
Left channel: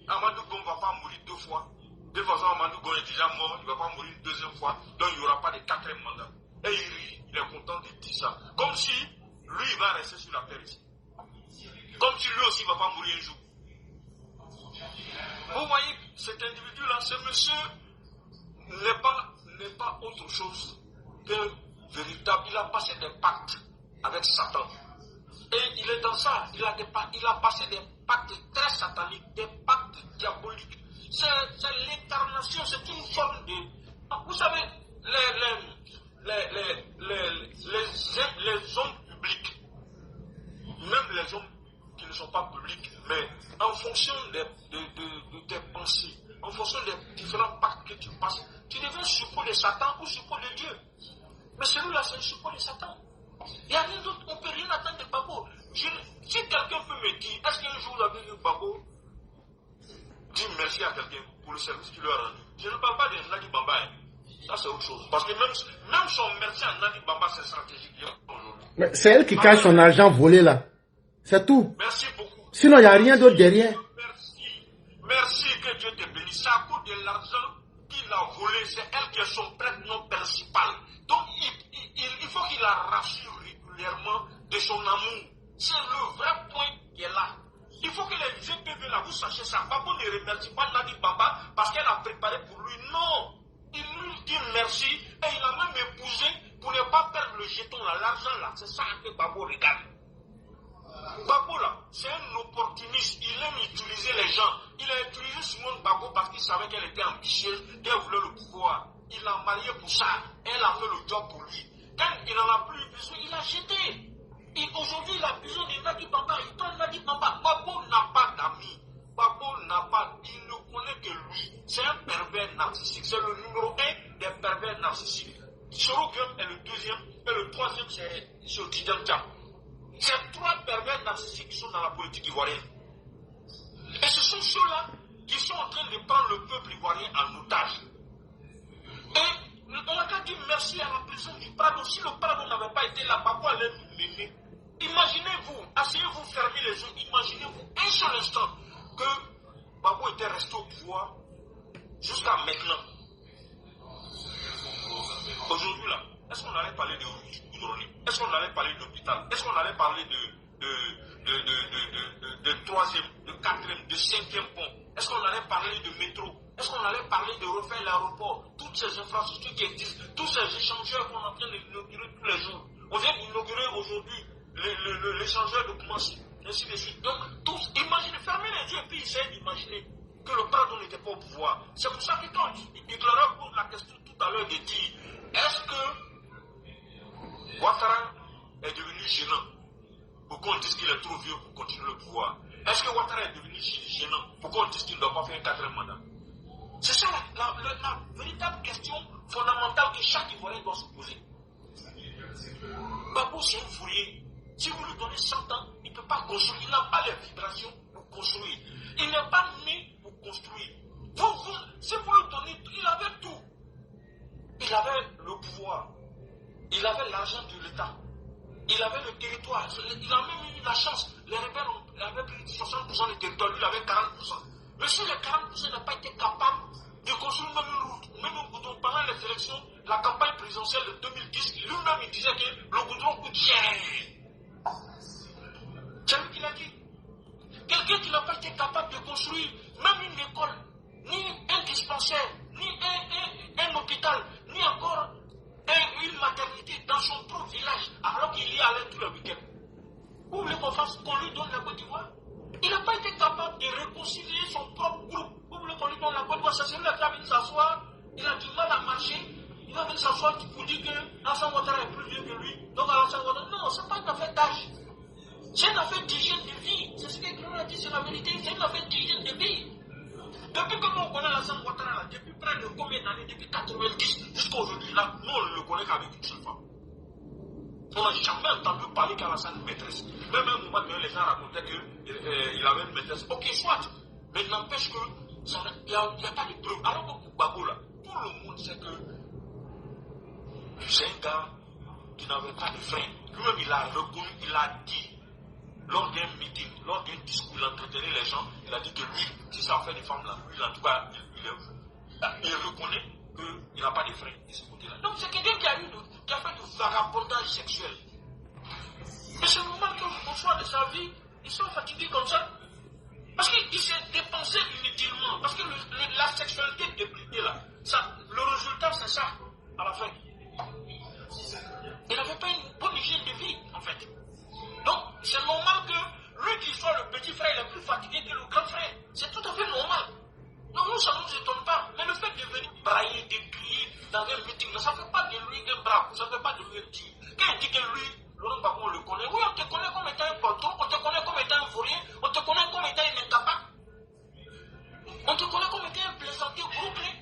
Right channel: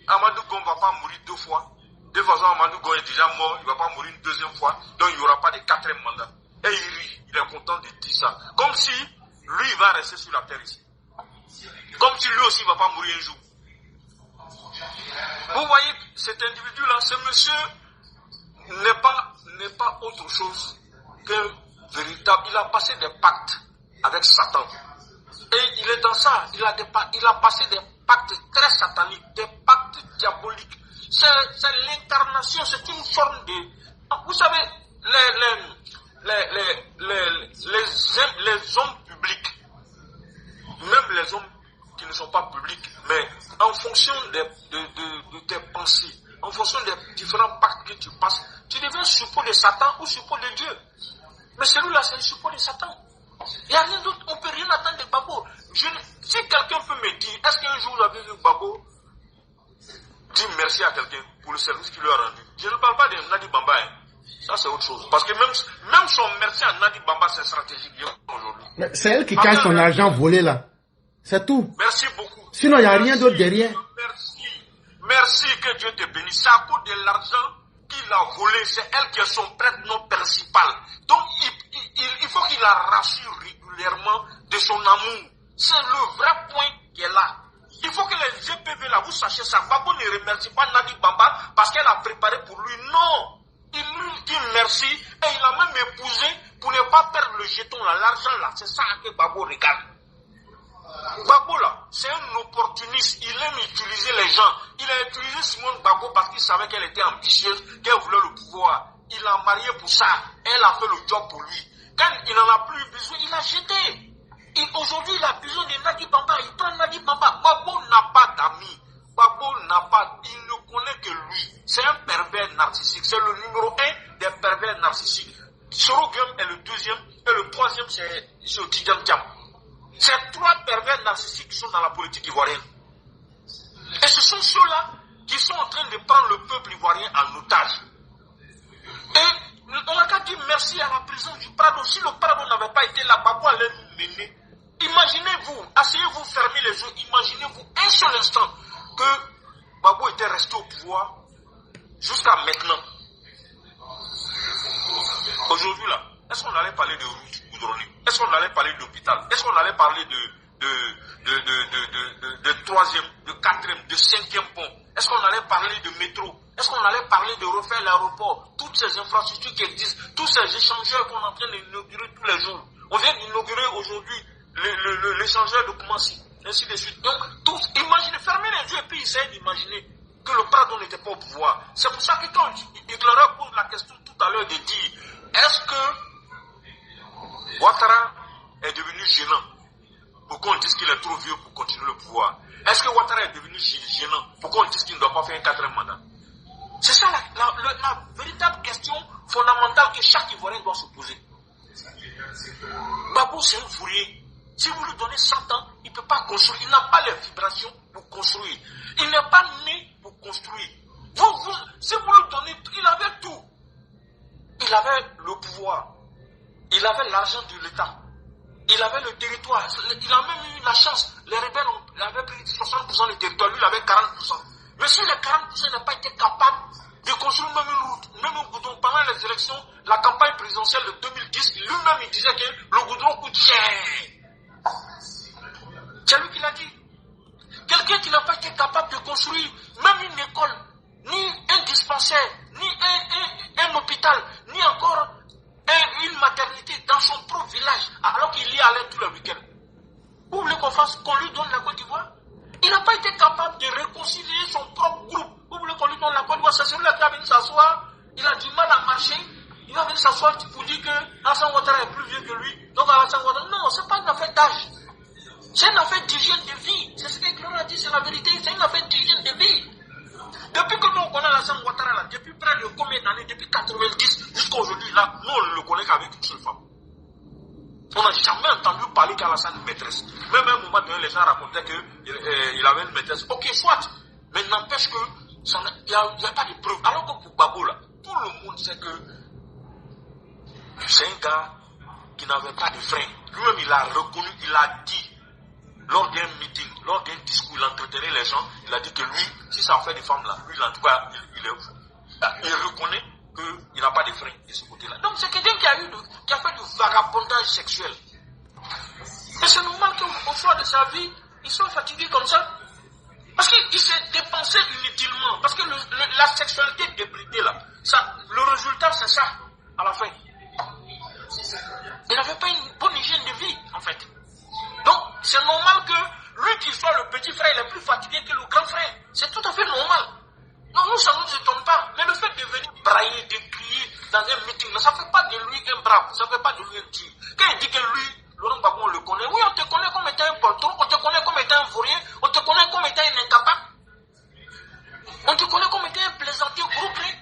Amadou Gon ne va pas mourir 2 fois. De toute façon, Amadou Gon est déjà mort, il ne va pas mourir une 2e fois, donc il n'y aura pas de 4e mandat. Et il rit, il est content de dire ça. Comme si lui, il va rester sur la terre ici. Comme si lui aussi ne va pas mourir un jour. Vous voyez, cet individu-là, ce monsieur n'est pas autre chose qu'un véritable. Il a passé des pactes avec Satan. Et il est dans ça. Il a passé des pactes très sataniques, des pactes diaboliques. C'est l'incarnation, c'est une forme de. Vous savez, les hommes publics, même les hommes qui ne sont pas publics, mais en fonction de tes pensées, en fonction des différents pactes que tu passes, tu deviens suppôt de Satan ou suppôt de Dieu. Mais celui-là, c'est le suppôt de Satan. Il n'y a rien d'autre, on ne peut rien attendre de Gbagbo. Si quelqu'un peut me dire, est-ce qu'un jour vous avez vu Gbagbo dire merci à quelqu'un pour le service qu'il lui a rendu? Je ne parle pas de Nadi Bamba. Ça, c'est autre chose. Parce que même son merci à Nadi Bamba, c'est stratégique aujourd'hui. C'est elle qui cache son argent volé là. C'est tout. Merci beaucoup. Sinon, il n'y a rien d'autre derrière. Merci, que Dieu te bénisse. C'est à cause de l'argent qu'il a volé. C'est elle qui est son prêtre non principal. Donc, il faut qu'il la rassure régulièrement. particulièrement de son amour. C'est le vrai point qui est là. Il faut que les GPV là, vous sachiez ça. Gbagbo ne remercie pas Nadi Bamba parce qu'elle a préparé pour lui. Non. Il lui dit merci et il a même épousé pour ne pas perdre le jeton là, l'argent là. C'est ça que Gbagbo regarde. Gbagbo là, c'est un opportuniste. Il aime utiliser les gens. Il a utilisé Simone Gbagbo parce qu'il savait qu'elle était ambitieuse, qu'elle voulait le pouvoir. Il l'a mariée pour ça. Elle a fait le job pour lui. Quand il n'en a plus besoin, il a jeté. Aujourd'hui, il a besoin de Nadi Bamba. Il prend Nadi Bamba. Gbagbo n'a pas d'amis. Gbagbo n'a pas, il ne connaît que lui. C'est un pervers narcissique. C'est le numéro 1 des pervers narcissiques. Sorogum est le deuxième. Et le troisième, c'est Tidiane Thiam. Ces trois pervers narcissiques qui sont dans la politique ivoirienne. Et ce sont ceux-là qui sont en train de prendre le peuple ivoirien en otage. Et on a qu'à dire merci à la présence du Prado. Si le Prado n'avait pas été là, Gbagbo allait nous mener. Imaginez-vous, asseyez-vous, fermez les yeux, imaginez-vous un seul instant que Gbagbo était resté au pouvoir jusqu'à maintenant. Aujourd'hui là, est-ce qu'on allait parler de route goudronnée? Est-ce qu'on allait parler d'hôpital? Est-ce qu'on allait parler de troisième, de quatrième, de cinquième pont? Est-ce qu'on allait parler de métro? Est-ce qu'on allait parler de refaire l'aéroport? Toutes ces infrastructures qui existent, tous ces échangeurs qu'on est en train d'inaugurer tous les jours. On vient d'inaugurer aujourd'hui l'échangeur de Koumassi, ainsi de suite. Donc, tous, imaginez, fermez les yeux et puis essayez d'imaginer que le Prado n'était pas au pouvoir. C'est pour ça que quand Éclaireur pose la question tout à l'heure de dire, est-ce que Ouattara est devenu gênant pour qu'on dise qu'il est trop vieux pour continuer le pouvoir? Est-ce que Ouattara est devenu gênant pour qu'on dise qu'il ne doit pas faire un quatrième mandat? C'est ça la véritable question fondamentale que chaque Ivoirien doit se poser. Gbagbo, c'est un fourrier. Si vous lui donnez 100 ans, il ne peut pas construire. Il n'a pas les vibrations pour construire. Il n'est pas né pour construire. Si vous lui donnez, il avait tout. Il avait le pouvoir. Il avait l'argent de l'État. Il avait le territoire. Il a même eu la chance. Les rebelles avaient pris 60% du territoire. Lui, il avait 40%. Mais si les 40% n'ont pas été capables de construire même une route, même un goudron, pendant les élections, la campagne présidentielle de 2010, lui-même, il disait que le goudron coûte cher. C'est lui qui l'a dit. Quelqu'un qui n'a pas été capable de construire même une école, ni un dispensaire, ni un hôpital, ni encore une maternité dans son propre village, alors qu'il y allait tous les week-ends. Vous voulez qu'on lui donne la Côte d'Ivoire? Il n'a pas été capable de réconcilier son propre groupe. Vous voulez qu'on lui donne la Côte d'Ivoire? C'est celui-là qui a venu s'asseoir, il a du mal à marcher, il va venir s'asseoir pour dire que Alassane Ouattara est plus vieux que lui. Donc Alassane Ouattara, non, ce n'est pas une affaire d'âge. C'est une affaire d'hygiène de vie. C'est ce que Claude a dit, c'est la vérité. C'est une affaire d'hygiène de vie. Depuis que nous on connaît Alassane Ouattara, là, depuis près de combien d'années, depuis 90 jusqu'à aujourd'hui, là, nous on ne le connaît qu'avec une seule femme. On n'a jamais entendu parler qu'Alassane une maîtresse. Même à un moment donné, les gens racontaient qu'il avait une maîtresse. Ok, soit. Mais n'empêche qu'il n'y a pas de preuve. Alors que pour Gbagbo, là, tout le monde sait que c'est un gars qui n'avait pas de frein. Lui-même, il a reconnu, il a dit. Lors d'un meeting, lors d'un discours, il entretenait les gens, il a dit que lui, si ça fait des femmes là, lui, en tout cas, il reconnaît qu'il n'a pas de frein de ce côté-là. Donc c'est quelqu'un qui a fait du vagabondage sexuel. Et c'est normal qu'au soir de sa vie, il soit fatigué comme ça. Parce qu'il s'est dépensé inutilement. Parce que la sexualité débridée là, le résultat c'est ça, à la fin. Il n'avait pas une bonne hygiène de vie, en fait. Donc, c'est normal que lui qui soit le petit frère, il est plus fatigué que le grand frère. C'est tout à fait normal. Non, nous, ça ne nous étonne pas. Mais le fait de venir brailler, de crier dans un meeting, ça ne fait pas de lui un brave, ça ne fait pas de lui un tueur. Quand il dit que lui, Laurent Gbagbo, on le connaît, oui, on te connaît comme étant un poltron, on te connaît comme étant un fourrier, on te connaît comme étant un incapable. On te connaît comme étant un plaisantier groupé.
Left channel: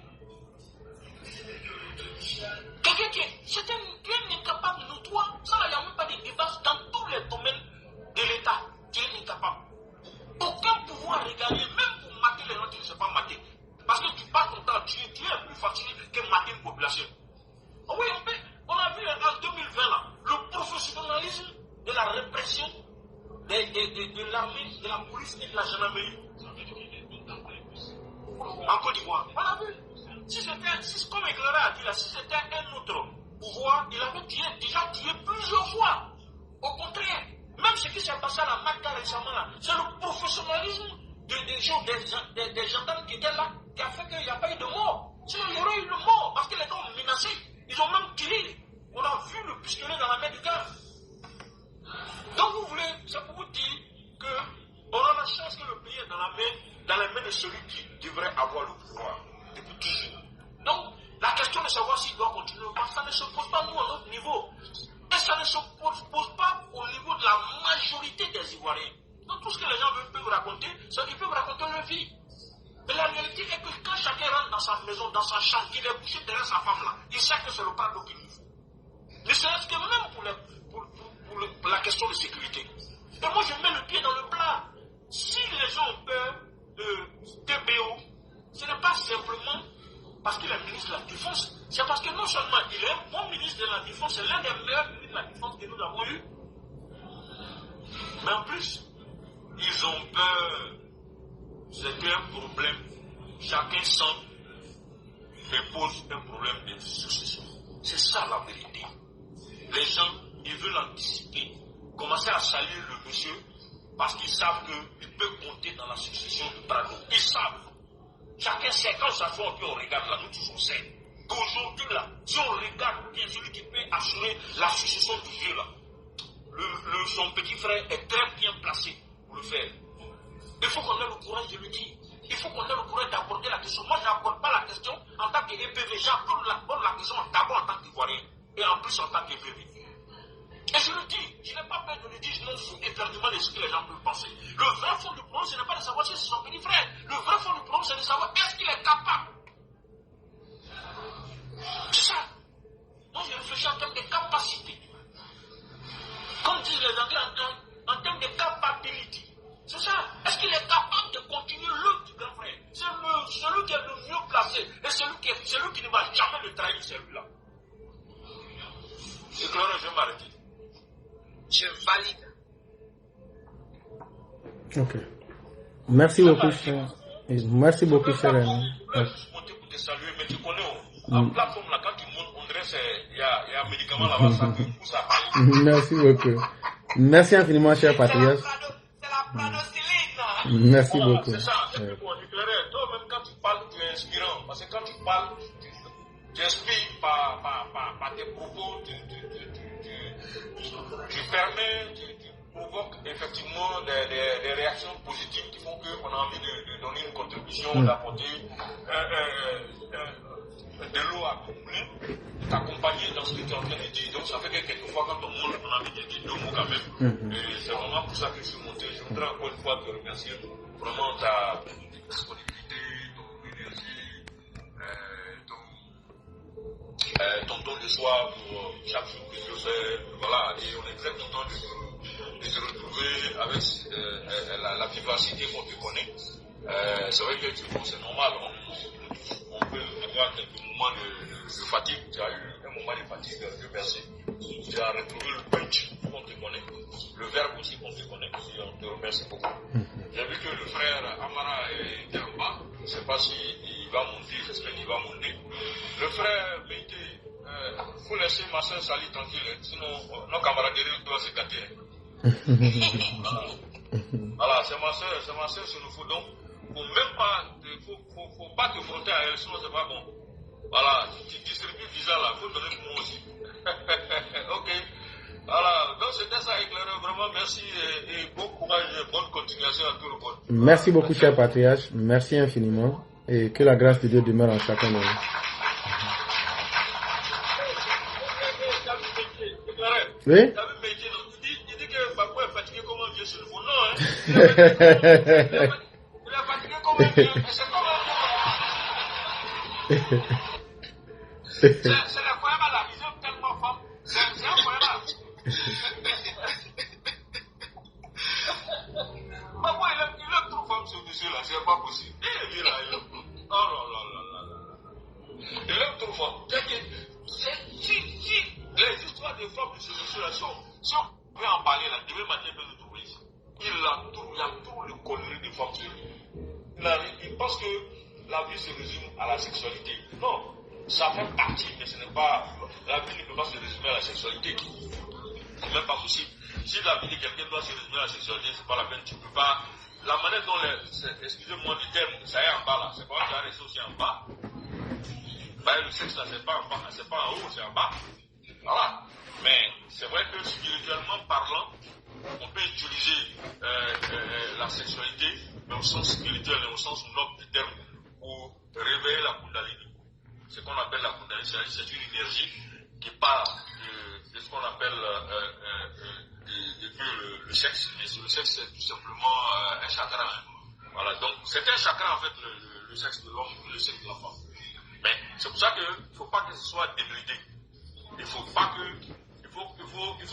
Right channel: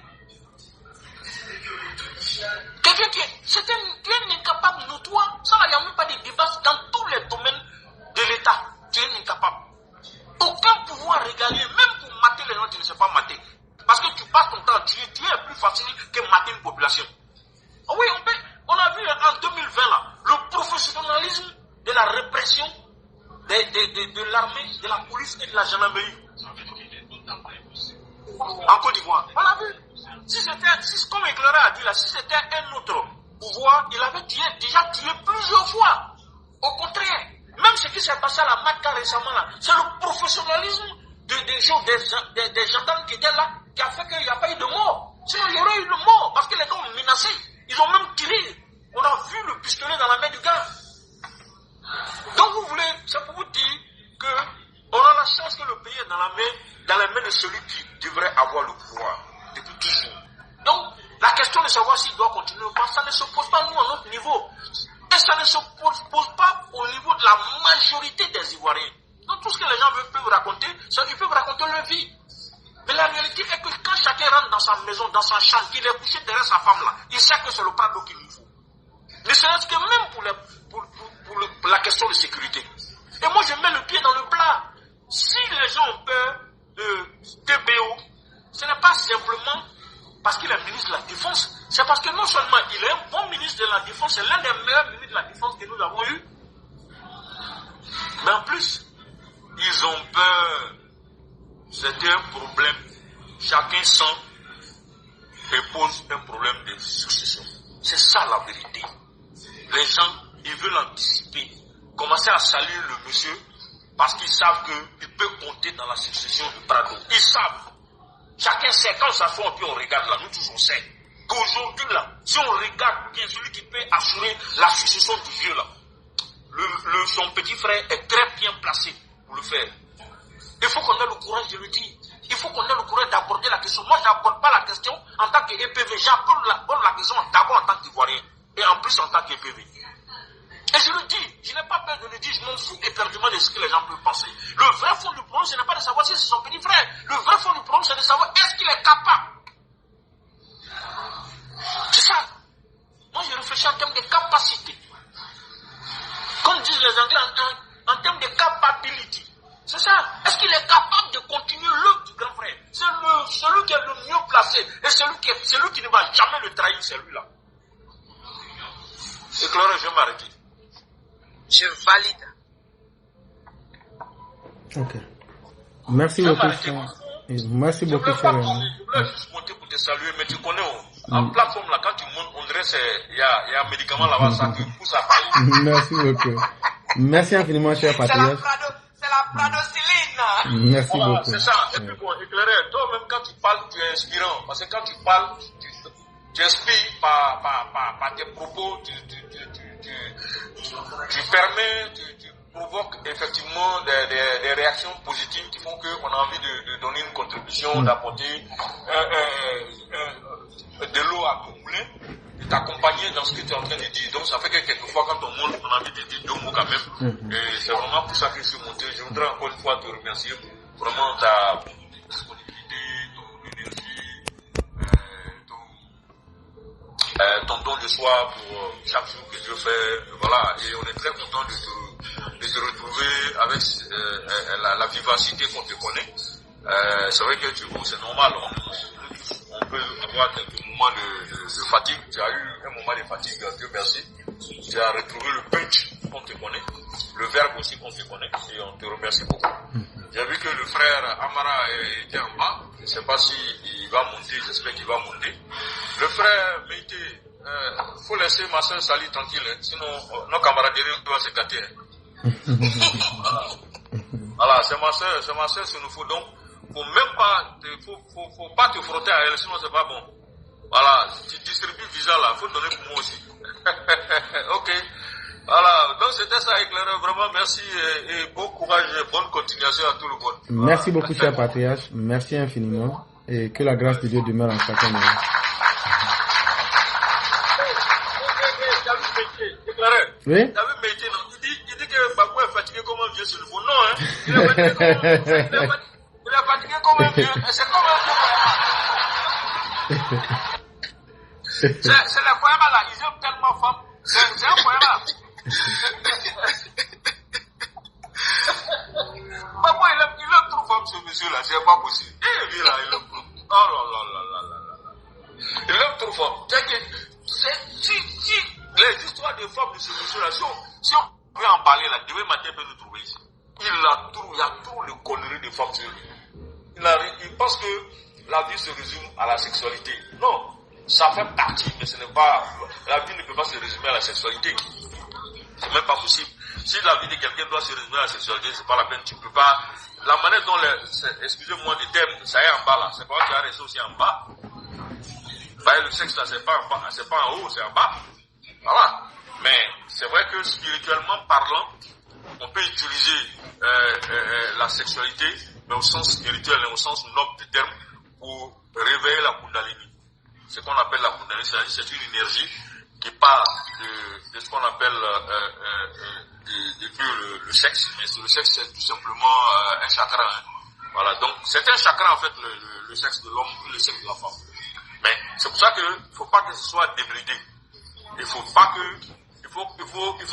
Quelqu'un qui est un incapable notoire, ça, il n'y a même pas de débat dans tous les domaines de l'État. Tu es un incapable. Aucun pouvoir régalien, même pour mater les gens, tu ne sais pas mater. Parce que tu passes ton temps, tu es plus facile que mater une population. Oui, on a vu en 2020 là, le professionnalisme de la répression de l'armée, de la police et de la gendarmerie. En Côte d'Ivoire. On a vu. Comme Éclaireur a dit là, si c'était un autre pouvoir, il avait déjà tué plusieurs fois. Au contraire, même ce qui s'est passé à la MACA récemment là, c'est le professionnalisme des gendarmes qui étaient là qui a fait qu'il n'y a pas eu de mort. Sinon, il y aurait eu de mort parce que les gens ont menacé. Ils ont même tiré. On a vu le pistolet dans la main du gars. Donc vous voulez, c'est pour vous dire qu'on a la chance que le pays est dans les mains de celui qui devrait avoir le pouvoir depuis toujours. Donc la question de savoir s'il doit continuer ou pas, ça ne se pose pas nous à notre niveau. Et ça ne se pose pas au niveau de la majorité des Ivoiriens. Donc tout ce que les gens peuvent raconter, c'est qu'ils peuvent raconter leur vie. Mais la réalité est que quand chacun rentre dans sa maison, dans sa chambre, qu'il est couché derrière sa femme là, il sait que c'est le prado qu'il lui faut. Ne serait-ce que même pour la question de sécurité. Et moi je mets le pied dans le plat. Si les gens ont peur de TBO, ce n'est pas simplement parce qu'il est ministre de la Défense, c'est parce que non seulement il est un bon ministre de la Défense, c'est l'un des meilleurs ministres de la Défense que nous avons eu, mais en plus, ils ont peur. C'est un problème. Chacun sent et pose un problème de succession. C'est ça la vérité. Les gens, ils veulent anticiper, commencer à saluer le monsieur parce qu'ils savent qu'ils peuvent compter dans la succession du Prado. Ils savent. Chacun sait, quand on s'assoit, puis on regarde là, nous tous on sait qu'aujourd'hui là, si on regarde bien celui qui peut assurer la succession du vieux là, son petit frère est très bien placé pour le faire. Il faut qu'on ait le courage de le dire. Il faut qu'on ait le courage d'aborder la question. Moi, je n'aborde pas la question en tant qu'EPV. J'aborde la question d'abord en tant qu'Ivoirien et en plus en tant qu'EPV. Et je le dis, je n'ai pas peur de le dire, je m'en fous éperdument de ce que les gens peuvent penser. Le vrai fond du problème, ce n'est pas de savoir si c'est son petit frère. Le vrai fond du problème, c'est de savoir est-ce qu'il est capable. C'est ça. Moi, je réfléchis en termes de capacité. Comme disent les Anglais, en termes de capability. C'est ça. Est-ce qu'il est capable de continuer l'œuvre du grand frère? C'est celui qui est le mieux placé. Et celui qui ne va jamais le trahir, c'est lui-là. C'est clair, je vais m'arrêter. Je valide. Ok. Merci beaucoup, cher. Merci beaucoup, cher. Je voulais juste monter pour te saluer, mais tu connais, en plateforme là, quand tu montes, on dirait qu'il y a un médicament là-bas, ça te pousse à parler. Merci beaucoup. Merci infiniment, cher patriote. C'est la pradocyline. Merci beaucoup. C'est ça. Et puis bon, éclairé, toi-même quand tu parles, tu es inspirant. Parce que quand tu parles, tu inspires par tes propos, tu permets, tu provoques effectivement des réactions positives qui font qu'on a envie de donner une contribution, d'apporter de l'eau à ton moulin, t'accompagner dans ce que tu es en train de dire. Donc ça fait que quelquefois quand on monte, on a envie de dire deux mots quand même. Et c'est vraiment pour ça que je suis monté. Je voudrais encore une fois te remercier vraiment ta disponibilité, ton énergie, ton don de soi pour chaque jour que Dieu fait. Voilà, et on est très content de te retrouver avec la vivacité qu'on te connaît. C'est vrai que c'est normal, on peut avoir quelques moments de fatigue. Tu as eu un moment de fatigue, Dieu merci. Tu as retrouvé le punch qu'on te connaît, le verbe aussi qu'on te connaît, et on te remercie beaucoup. J'ai vu que le frère Amara était en bas, je ne sais pas s'il va monter, j'espère qu'il va monter. Le frère Meïté, il faut laisser ma soeur Sali tranquille, sinon nos camaraderies doivent se gâter. Voilà, c'est ma soeur, ce nous faut donc. Faut pas te frotter à elle, sinon c'est pas bon. Voilà, tu distribues visa là, faut donner pour moi aussi. Ok. Voilà, donc c'était ça, éclairé. Vraiment, merci et bon courage et bonne continuation à tout le monde. Merci beaucoup, cher patriarche. Merci infiniment. Et que la grâce de Dieu demeure en chacun de nous. Oui? Il dit que Babou est fatigué comme un vieux sur le fond. Non, hein? Il est fatigué comme un vieux. C'est comme un vieux. C'est les Koyama là, ils aiment tellement femme. C'est un Koyama. Babou, il aime trop femme ce monsieur là, c'est pas possible. Et lui là, il aime trop. Oh là là là là là. Il aime trop femme. Si les histoires des femmes de ce monsieur là, si on veut en parler là, demain matin, il peut nous trouver ici. Il y a trop de conneries de femmes sur lui. Il pense que la vie se résume à la sexualité. Non, ça fait partie, mais ce n'est pas. La vie ne peut pas se résumer à la sexualité. C'est même pas possible. Si la vie de quelqu'un doit se résumer à la sexualité, c'est pas la peine. Tu peux pas. La manière dont excusez-moi le terme, ça est en bas là. C'est pas tu vas rester aussi en bas. Bah, le sexe là, c'est pas en haut, c'est en bas. Voilà. Mais c'est vrai que spirituellement parlant, on peut utiliser la sexualité, mais au sens spirituel et au sens noble du terme, pour réveiller la Kundalini. Ce qu'on appelle la Kundalini, c'est une énergie qui part de ce qu'on appelle le sexe. Mais le sexe, c'est tout simplement un chakra. Hein. Voilà. Donc, c'est un chakra en fait, le sexe de l'homme, le sexe de la femme. Mais c'est pour ça qu'il ne faut pas que ce soit débridé. Il faut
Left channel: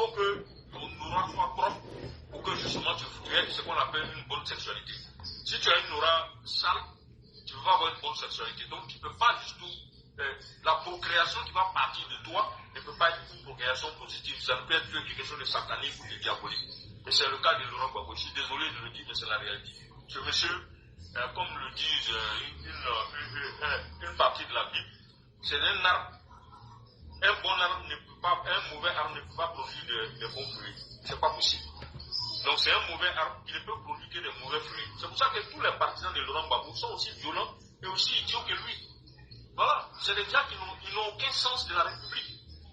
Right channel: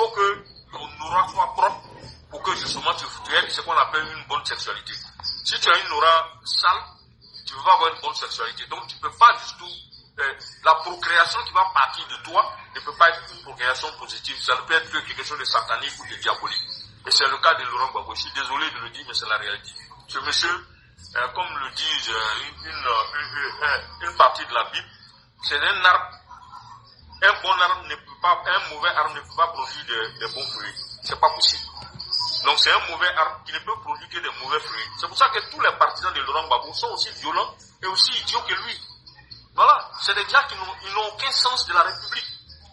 que ton aura soit propre pour que justement tu aies ce qu'on appelle une bonne sexualité. Si tu as une aura sale, tu ne vas pas avoir une bonne sexualité. Donc tu ne peux pas du tout. La procréation qui va partir de toi ne peut pas être une procréation positive. Ça ne peut être que quelque chose de satanique ou de diabolique. Et c'est le cas de Laurent Gbagbo. Je suis désolé de le dire, mais c'est la réalité. Ce monsieur, comme le disent une partie de la Bible, c'est un arbre. Un bon arbre ne peut pas, un mauvais arbre ne peut pas produire de bons fruits. C'est pas possible. Donc c'est un mauvais arbre qui ne peut produire que des mauvais fruits. C'est pour ça que tous les partisans de Laurent Gbagbo sont aussi violents et aussi idiots que lui. Voilà, c'est des gens qui n'ont aucun sens de la République.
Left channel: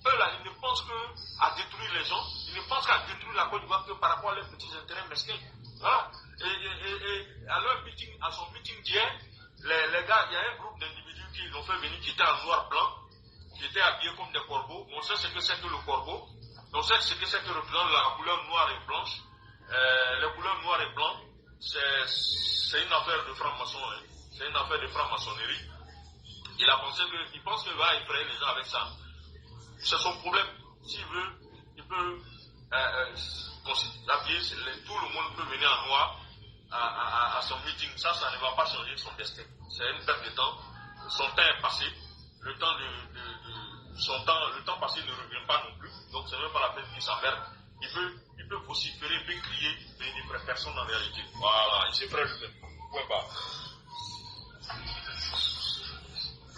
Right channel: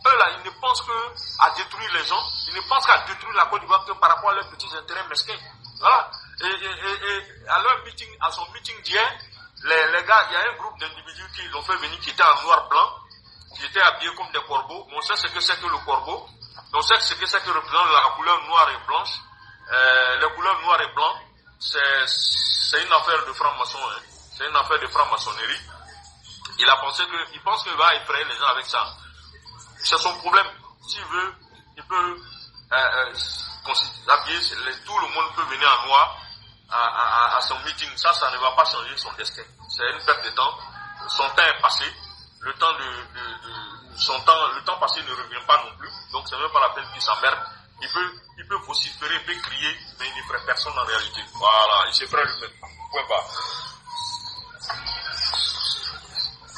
Eux là, ils ne pensent qu'à détruire les gens, ils ne pensent qu'à détruire la Côte d'Ivoire que par rapport à leurs petits intérêts mesquins. Voilà. Et à leur meeting, à son meeting d'hier, les gars, il y a un groupe d'individus qui l'ont fait venir, qui étaient en noir-blanc, qui étaient habillés comme des corbeaux. On sait ce que c'est que le corbeau. On sait ce que c'est que représente la couleur noire et blanche. Les couleurs noires et blancs, c'est une affaire de franc-maçon. Hein. C'est une affaire de franc-maçonnerie. Il pense qu'il va effrayer les gens avec ça. C'est son problème. S'il veut, il peut habiller, tout le monde peut venir en noir à son meeting. Ça ne va pas changer son destin. C'est une perte de temps. Son temps est passé. Le temps passé ne revient pas non plus. Donc c'est même pas la peine qu'il s'emmerde. Il peut vociférer, il peut crier, mais il ne ferait personne en réalité. Voilà, il se ferait lui-même. Point barre.